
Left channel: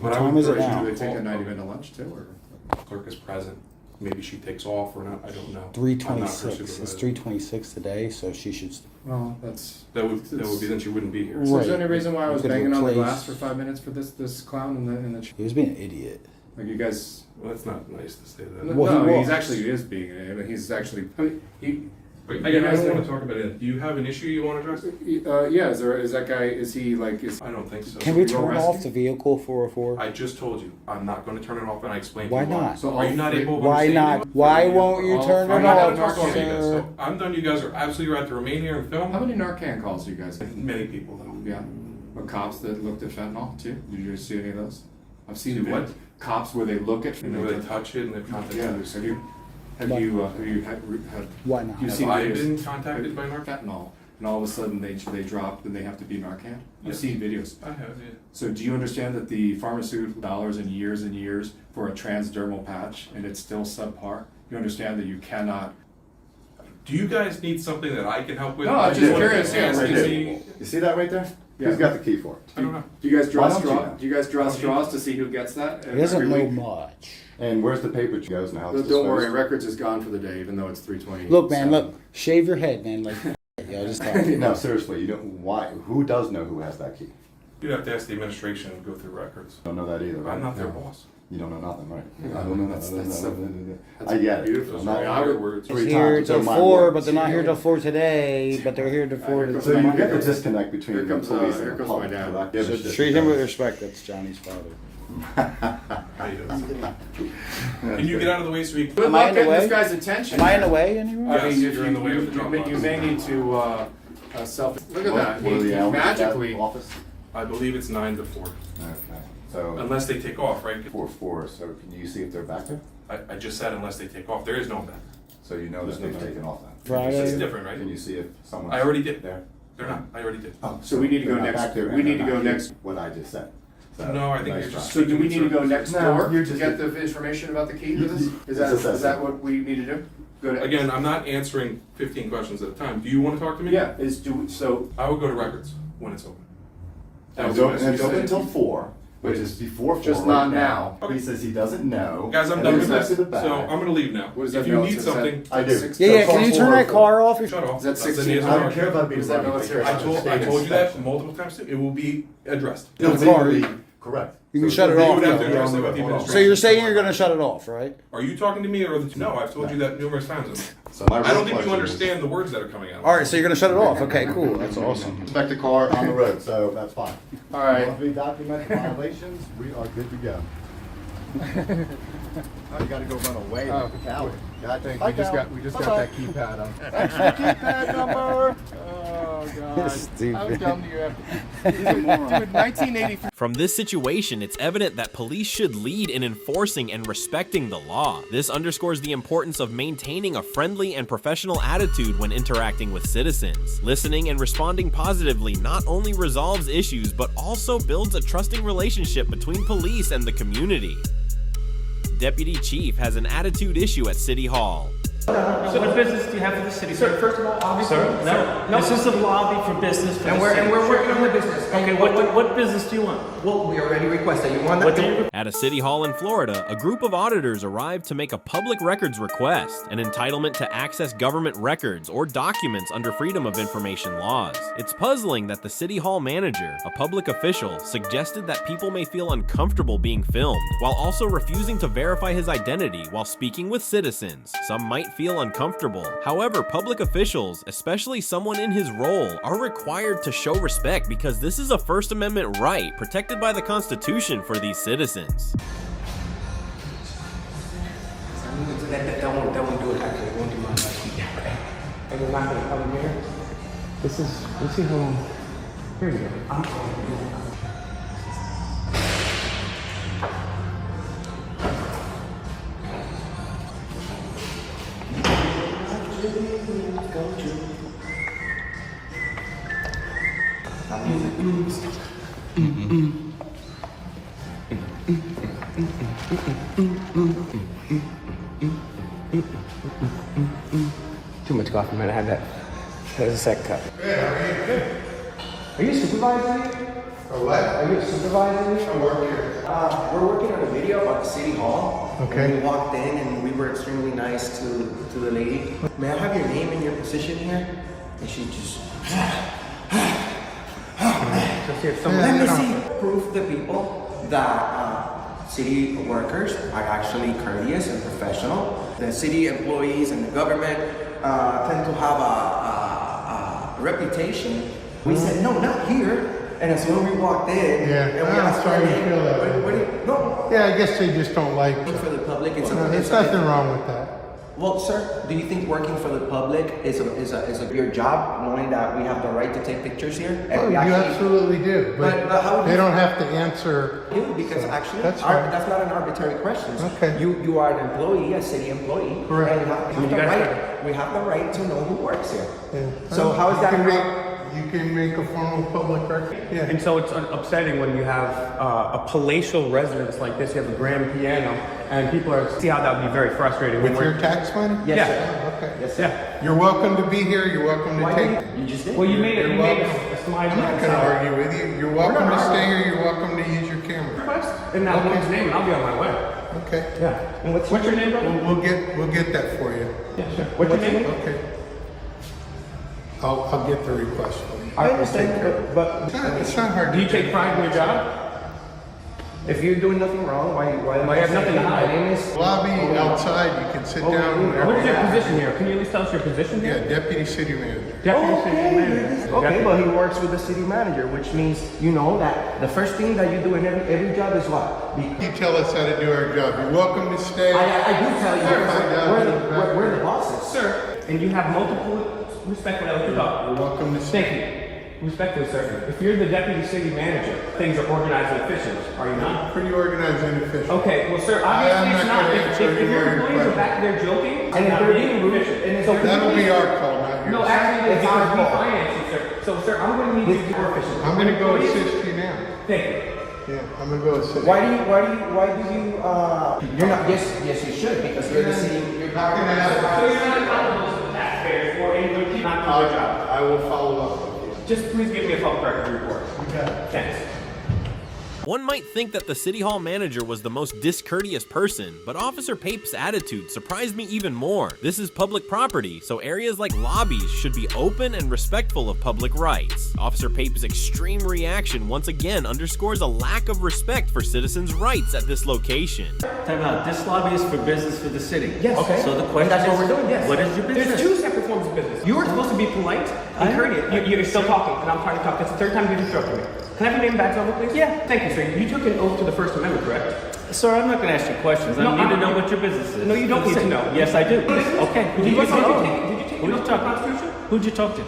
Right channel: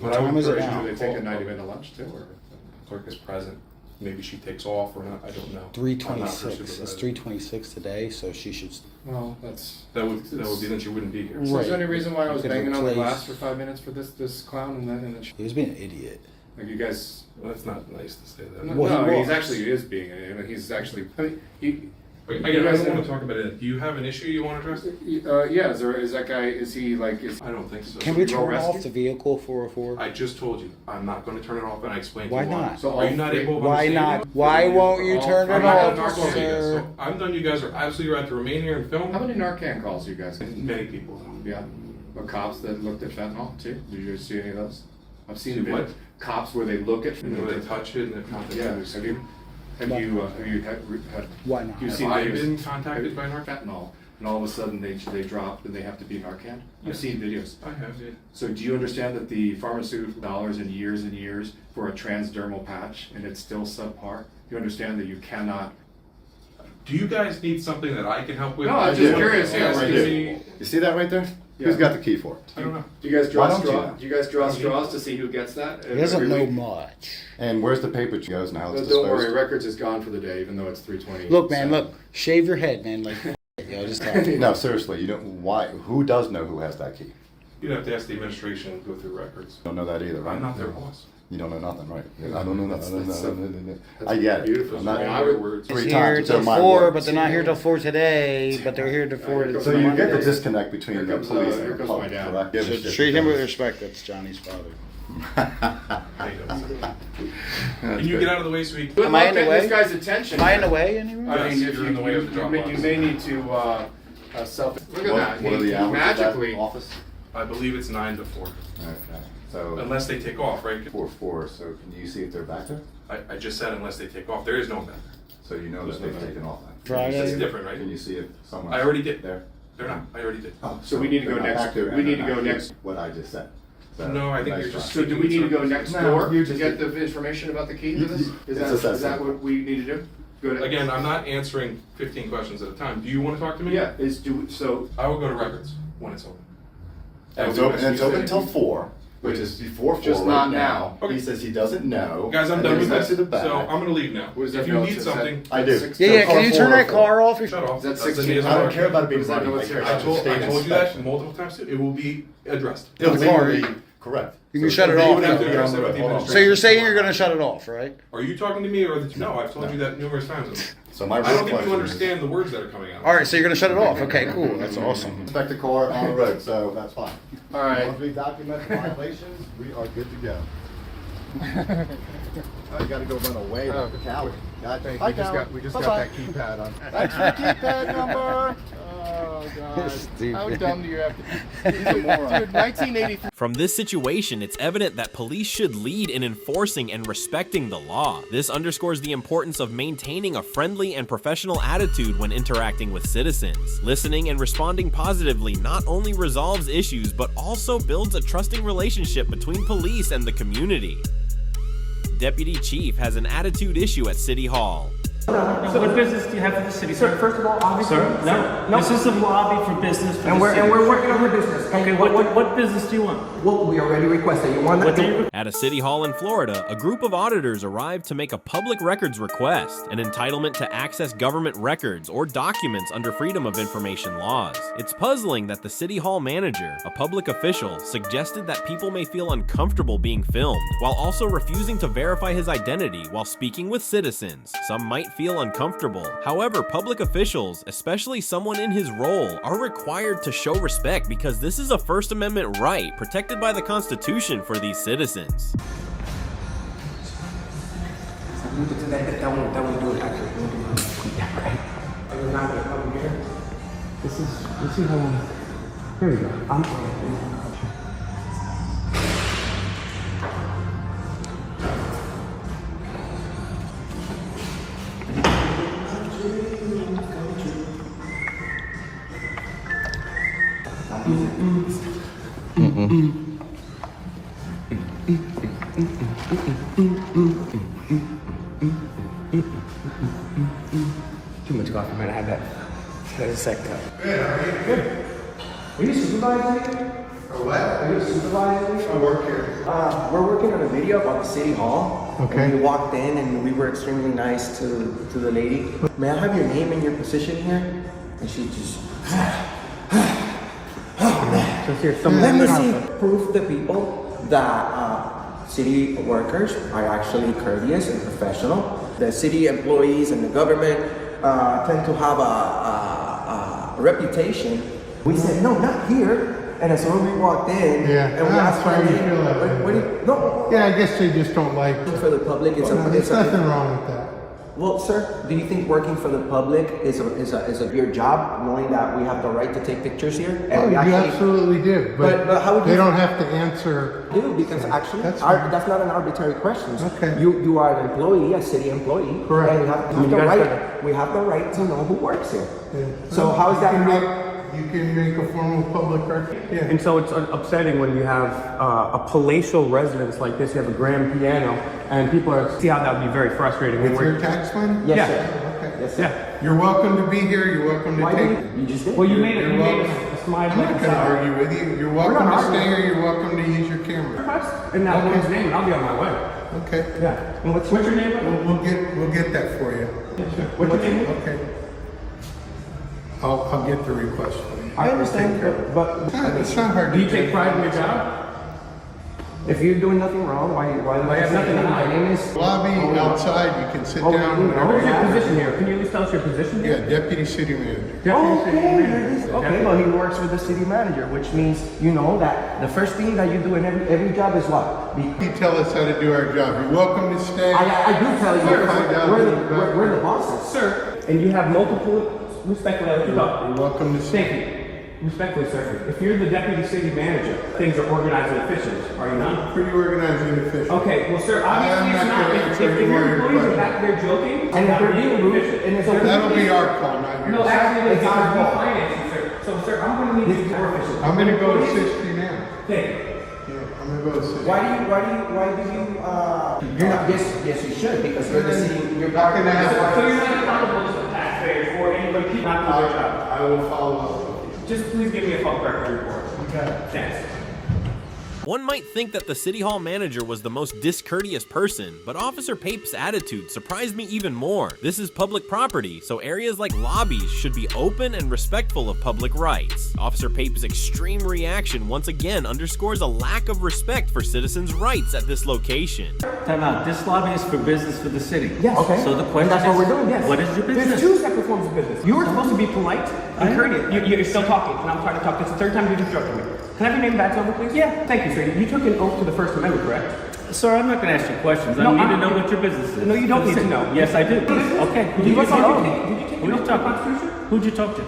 What time is it now? Do they take a 90-minute lunch too, or? Clerk is present. Maybe she takes off or not. I don't know. 3:26. I'm not her It's supervisor. 3:26 today, so she should. Well, that's. That would be then she wouldn't be here. So Right. is there any reason why I You was could banging on the replace- glass for 5 minutes for this clown and then He's being an idiot. like you guys? Well, that's not nice to say that. No, Well, he he's was. actually is being. I mean, he's actually. I mean, Wait, again, I don't want to talk about it. Do you have an issue you want to address? Yeah. Is that guy? Is he like? Is I don't think so. Can we Go turn rescue? off the vehicle 404? I just told you, I'm not going to turn it off, and I explained Why to you why. not? So Are you not able to Why understand not? me? Why won't you turn I'm it not off, gonna talk to you guys. sir? So I'm done. You guys are absolutely right to remain here and film. How many Narcan calls you guys get? Many people though. Yeah. But cops that looked at fentanyl too? Did you see any of those? I've seen See them. what? Cops where they look at. You know, they touch it and they're contacted. Yeah. Have you had? Why not? You've Have seen I videos? been contacted by Narcan? Fentanyl, and all of a sudden they drop and they have to be Narcan. I've Yes. seen videos. I have, yeah. So do you understand that the pharmaceutical dollars and years for a transdermal patch and it's still subpar? You understand that you cannot. Do you guys need something that I can help with? No, I'm I just wanna curious, yeah, ask right you- there. You see that right there? Yeah. Who's got the key for it? I don't know. Do you guys Why draw don't you straws? know? Do you guys draw straws to see who gets that? He doesn't every know week? much. And where's the paper goes now? It's Don't worry, disposed? records is gone for the day, even though it's 3:20. Look, man, look. Shave your head, man. Like, yo, just talk. No, seriously, you don't. Why? Who does know who has that key? You'd have to ask the administration and go through records. Don't know that either, right? I'm not their boss. You don't know nothing, right? I don't know nothing. That's I get it. beautiful. I'm not I mean, I your would- words. It's Three here times, till they're my 4, words. but they're not here till 4 today. But they're here till 4 Here So you Monday. get the disconnect between Here the comes, police here and the comes my public, dad. correct? So Shit treat him with goes. respect. That's Johnny's father. How you doing? Can you get out of the way so we can... Good Am I luck in the getting way? this guy's attention. Am I in the way anywhere? I Yes, mean, if you're in the way of the drop you box. may need to self. Look at that. What are He the hours of that magically. office? I believe it's 9 to 4. Okay, so Unless they take off, right? 4-4. So can you see if they're back there? I just said unless they take off. There is no back. So you know that they've taken off then. Friday. It's different, right? Can you see if someone? I already did. There. They're not. I already did. Oh, So we need to they're go not next- back there we and need they're to not go here. next- What I just said. So, No, I think nice you're try. just... So do we need to go next No, door you're to just- get the information about the key to this? Is It's that just that is that simple. what we need to do? Go to, Again, I'm not answering 15 questions at a time. Do you want to talk to me? Yeah. So I will go to records when it's open. It's open until 4, which is before 4 Just right not now. now. Okay. He says he doesn't know. Guys, I'm and done he's with next this. to the back. So I'm going to leave now. What does that If you know? need Is that- something, I do. Six- Yeah, yeah. So Can you call turn that 404. car off? shut off. Is that That's the 16? news I don't I'm care about it being Is that running. military? I told State you that inspection. multiple times too. It will be addressed. The car. Legally correct. You can So shut it You off, would have to though. address that with the Hold on. administration. So you're saying you're going to shut it off, right? Are you talking to me or the... No, I've told you that numerous times. So my I don't think you question is- understand the words that are coming out. All right, so you're going to shut it off. Okay, cool. That's awesome. Inspect the car on the road, so that's fine. all right. Once we document the violations, we are good to go. Oh, you gotta go run away like a coward. Gotcha. Hi, coward. We just Bye-bye. got that keypad on. Thanks for the keypad number. Oh God. Stupid. How dumb do you have to? Dude, 1983. From this situation, it's evident that police should lead in enforcing and respecting the law. This underscores the importance of maintaining a friendly and professional attitude when interacting with citizens. Listening and responding positively not only resolves issues, but also builds a trusting relationship between police and the community. Deputy Chief has an attitude issue at City Hall. What business do you have for the city, sir? First of all, obviously, Sir, no. This is the lobby for business for the city. and we're working on the business. Okay, what business do you want? Well, we already requested. You want What that? do you... At a city hall in Florida, a group of auditors arrived to make a public records request, an entitlement to access government records or documents under Freedom of Information laws. It's puzzling that the city hall manager, a public official, suggested that people may feel uncomfortable being filmed, while also refusing to verify his identity while speaking with citizens. Some might feel uncomfortable. However, public officials, especially someone in his role, are required to show respect because this is a First Amendment right protected by the Constitution for these citizens. That won't do it, actually. It won't do much. Let's see how long. Here you go. Too much coffee, man. I had that. There's a sec cup. Good. Are you supervising here? What? Are you supervising? I work here. We're working on a video about the city hall. Okay. We walked in and we were extremely nice to the lady. May I have your name and your position here? And she just. Let me see proof to the people that city workers are actually courteous and professional. The city employees and the government tend to have a reputation. We said, no, not here. And as soon as we walked in, and we I'm sorry you feel that way. Yeah, I guess they just don't like it. For the public, There's nothing wrong with that. Well, sir, do you think working for the public is your job, knowing that we have the right to take pictures here? And You absolutely do, but how they don't have to answer. Because actually, that's that's not an arbitrary question. Okay. You are an employee, a city employee. Correct. And we have the right to know who works here. Yeah. So how is that? You can make a formal public record. Yeah. And so it's upsetting when you have a palatial residence like this. You have a grand piano, and people see how that would be very frustrating. With your tax money? Yes, sir. Okay. Yes, sir. Yeah. You're welcome to be here. You're welcome to take. You just did. Well, you made You're a welcome. slide. I'm not going to argue with you. You're welcome to stay here. You're welcome to use your camera. Request in that woman's name, and I'll be on my way. Okay. Yeah. And what's your name? We'll get that for you. Yeah, sure. What's your name? Okay. I'll get the request for you. I understand, but It's not hard to Do you take pride in your job? if you're doing nothing wrong, why I have nothing to hide. My name is Lobby outside. You can sit down whenever What's you your want. position here? Can you at least tell us your position Yeah, here? deputy city manager. Okay, but he works with the city manager, which means you know that the first thing that you do in every job is what? You tell us how to do our job. You're welcome to stay. I do tell you, Find out we're the bosses. Sir, and you have multiple, respectfully, I'll let you talk. You're welcome to stay. Thank you. Respectfully, sir, if you're the deputy city manager, things are organized and efficient, are you not? Pretty organized and efficient. Okay, well, sir, I am obviously it's not not. gonna If answer any your more of your employees are questions. back there joking, And if not they're being being rude, efficient. and if That'll be our call, not yours. No, actually, it's It's our our fault. financing, sir. So, sir, I'm going to need you to be more efficient. I'm going to go Employees- assist you now. Thank you. Yeah, I'm going to go assist Why you. do you you're not, yes you should, because you're the city, you're Not gonna So have- you're not accountable to the taxpayers for anybody not doing their job. I will follow up. Just please give me a public record report. Okay. Thanks. One might think that the City Hall manager was the most discourteous person, but Officer Pape's attitude surprised me even more. This is public property, so areas like lobbies should be open and respectful of public rights. Officer Pape's extreme reaction once again underscores a lack of respect for citizens' rights at this location. Time out. This lobby is for business for the city. Yes. Okay. So the question That's what is, we're doing, yes. what is your business? There's two separate forms of business. You were supposed to be polite and courteous. You're still talking, and I'm trying to talk. That's the third time you've interrupted me. Can I have your name and badge number, please? Yeah. Thank you, sir. You took an oath to the First Amendment, correct? Sir, I'm not going to ask you questions. I No, need to I'm- know what your business is. No, you don't need to know. Yes, I do. Okay. Did you take an oath? Who'd you talk to? Who'd you talk to?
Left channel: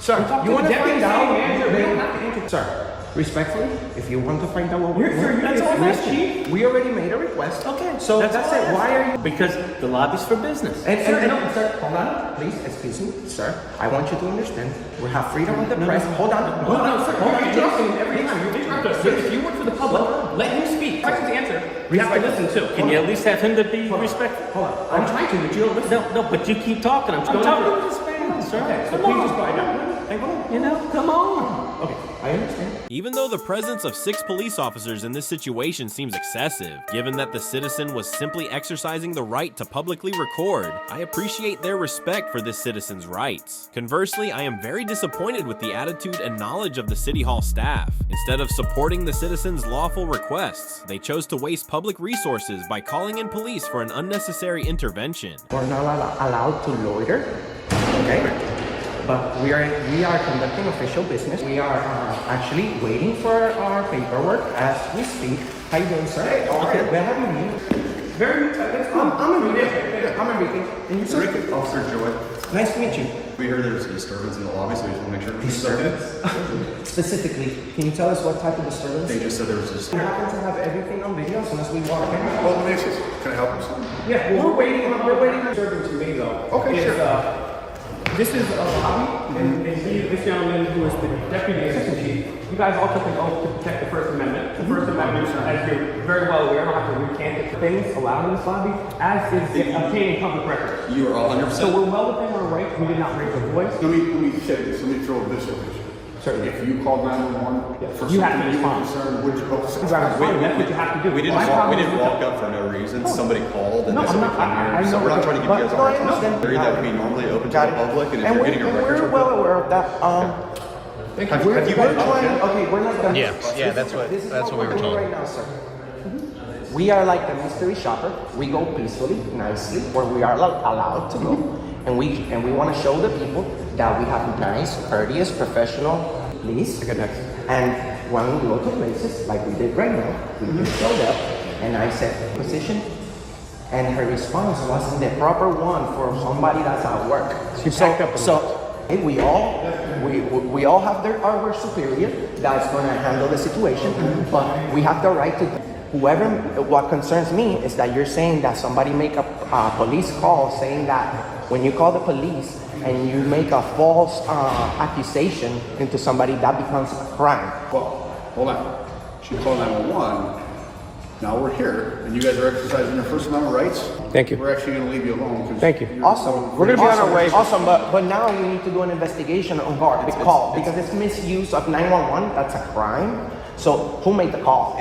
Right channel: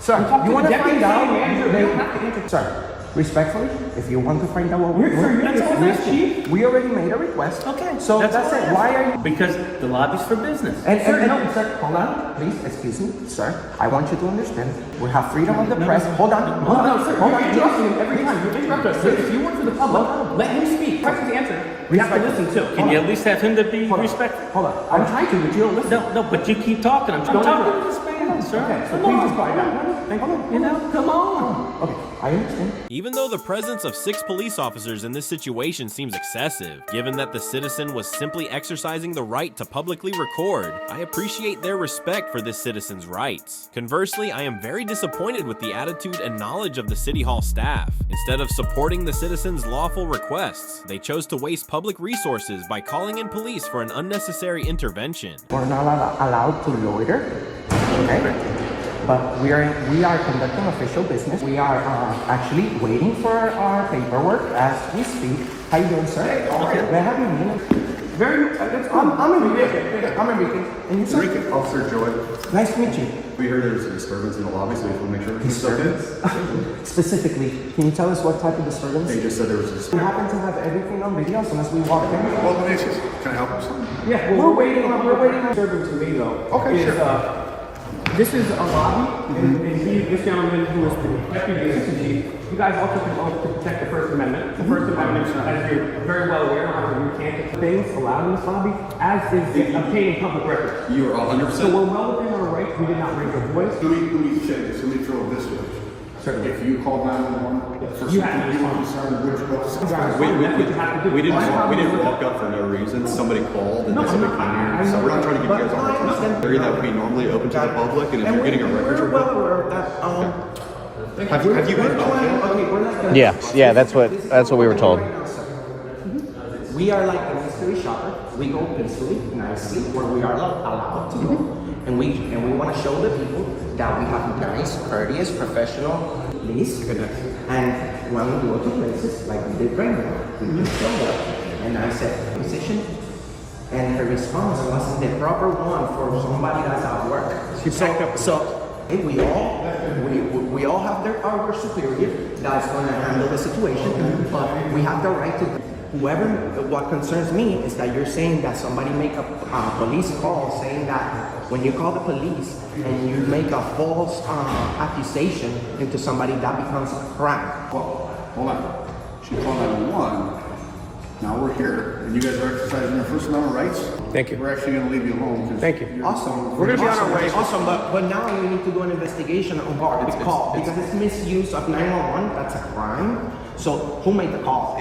Sir, talk to you want the to find deputy out? city manager. We don't have to answer. Sir, respectfully, if you want to find out what we're Sir, doing, that's all that's chief. we already made a request. Okay. So that's all I it. asked. Why are you? Because the lobby's for business. And, Sir, sir, hold on, please, excuse me, sir. I want you to understand. We have freedom of the press. Hold on, hold on, Sir, hold you're on. interrupting him every time. You interrupt us. Sir, if you work for the public, let him speak. Questions to answer. We have to listen too. Can you at least have him to be respectful? Hold on. I'm trying to, but you don't listen. No, but you keep talking. I'm talking to this man. on, sir. Okay, so please just quiet down. Thank you. You know, come on. Okay, I understand. Even though the presence of 6 police officers in this situation seems excessive, given that the citizen was simply exercising the right to publicly record, I appreciate their respect for this citizen's rights. Conversely, I am very disappointed with the attitude and knowledge of the City Hall staff. Instead of supporting the citizen's lawful requests, they chose to waste public resources by calling in police for an unnecessary intervention. We're not allowed to loiter, okay? But we are conducting official business. We are actually waiting for our paperwork as we speak. How you doing, sir? Hey, okay. Where have you been? Very good. I'm Enrique. I'm Enrique. And you, sir? Enrique, Officer Joy. Nice to meet you. We heard there was a disturbance in the lobby, so we just want to make sure everything's okay. Specifically, can you tell us what type of disturbance? They just said there was a We disturbance. happen to have everything on video as soon as we walk in. Well, let me ask you, can I help you with something? Yeah, well, we're waiting. Disturbing to me though. Okay, is, sure. This is a lobby, and this gentleman who is the deputy assistant chief, you guys all took an oath to protect the First Amendment. The First Amendment, as you're very well aware, I don't have to recant the things allowed in this lobby, as is obtaining public records. You are 100%. So we're well within our rights. We did not raise our voice. Let me say this. Let me throw it this way. Certainly. If you called 911 for You have to something you were respond. concerned, would you go to You guys, that's what you have to do. We didn't My walk up for no reason. Somebody called and No, they said we come I here. So know. we're not trying to give you guys a hard time. Area that would be normally open to the public, and if you're getting a records report, have you been told yet? Yeah, that's what we were told. We are like a mystery shopper. We go peacefully, nicely, where we are allowed to go, and we want to show the people that we have nice, courteous, professional police. And when we go to places like we did right now, we can show up. And I said position, and her response wasn't the proper one for somebody that's at work. So we all have our superior that's going to handle the situation, but we have the right to. What concerns me is that you're saying that somebody make a police call saying that when you call the police and you make a false accusation into somebody, that becomes a crime. Well, hold on. She called 911. Now we're here, and you guys are exercising your First Amendment rights. Thank you. We're actually going to leave you alone. Thank you. Awesome. Awesome. But now we need to do an investigation on the call because it's misuse of 911. That's a crime. So who made the call?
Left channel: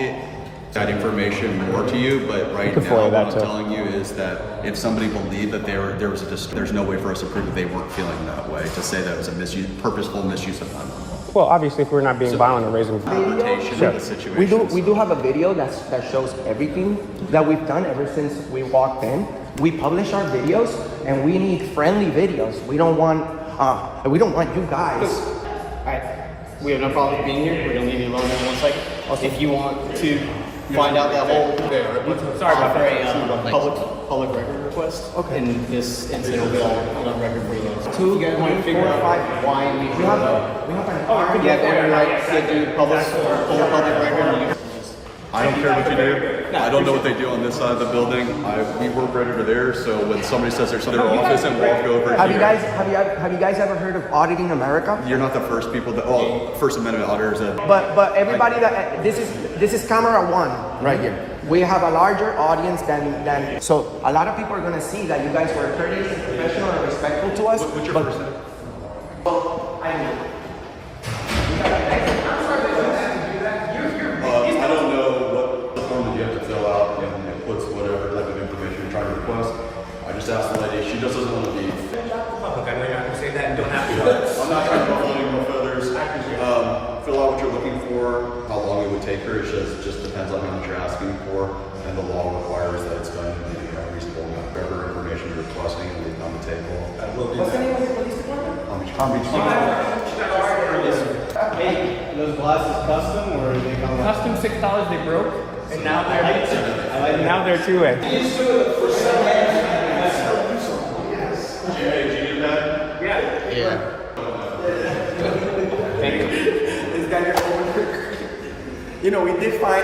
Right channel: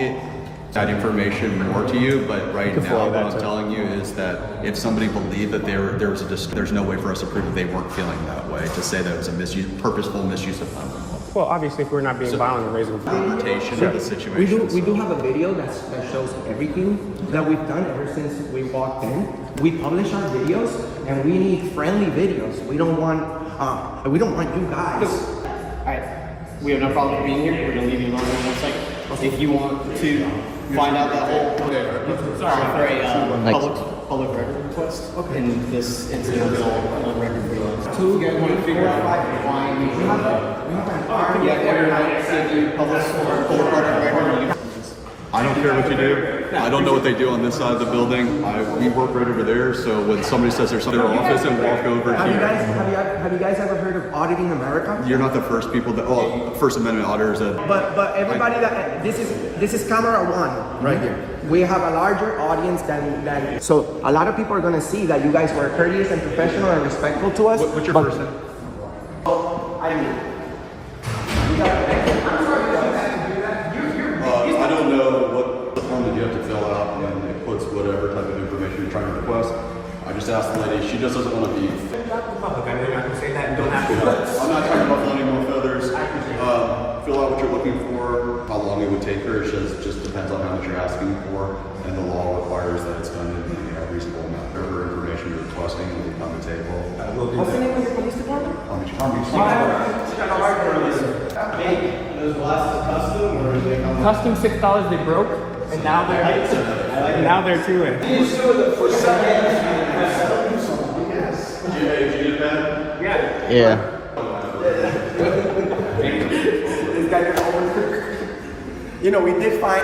That information more to you, but right now what I'm telling you is that if somebody believed that there was there's no way for us to prove that they weren't feeling that way, to say that it was a purposeful misuse of 911. Well, obviously, if we're not being violent or raising Interpretation of the situation. We do have a video that shows everything that we've done ever since we walked in. We publish our videos, and we need friendly videos. We don't want you guys. All right, we have no problem being here. We're gonna leave you alone in 1 second. If you want to find out that whole for a public record request, and this incident will be all on record for you. 2.45. Why you have every right to do public record. I don't care what you do. I don't know what they do on this side of the building. We work right over there, so when somebody says there's something in their office and walk over Have here. you guys ever heard of Auditing America? You're not the first people that, First Amendment auditors that. But everybody this is camera one right here. We have a larger audience than so a lot of people are gonna see that you guys are courteous and professional and respectful to us. What's your first name? I don't know what the form that you have to fill out, and it puts whatever type of information you're trying to request. I just asked the lady, she just doesn't want to be. Public, I know you're not gonna say that and don't have to. I'm not trying to ruffle any more feathers. Fill out what you're looking for, how long it would take her, it just depends on how much you're asking for, and the law requires that it's done in a reasonable amount. Whatever information you're requesting and leave on the table. What's the name of your police department? Those glasses custom, or they come Custom $6 they broke, and now they're 2A. Yeah. This guy got over. You know, we did fight.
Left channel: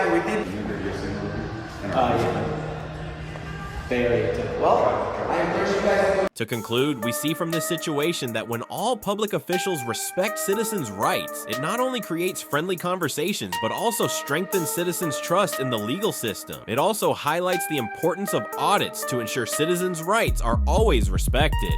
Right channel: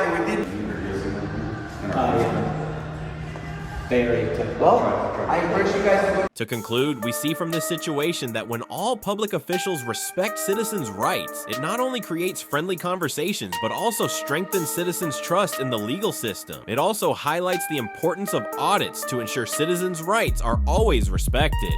To conclude, we see from this situation that when all public officials respect citizens' rights, it not only creates friendly conversations, but also strengthens citizens' trust in the legal system. It also highlights the importance of audits to ensure citizens' rights are always respected.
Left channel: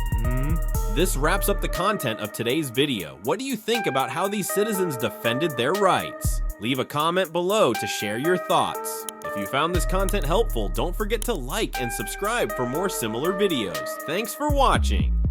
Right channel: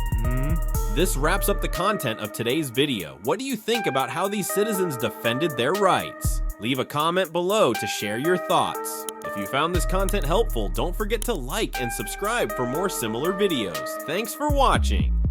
This wraps up the content of today's video. What do you think about how these citizens defended their rights? Leave a comment below to share your thoughts. If you found this content helpful, don't forget to like and subscribe for more similar videos. Thanks for watching.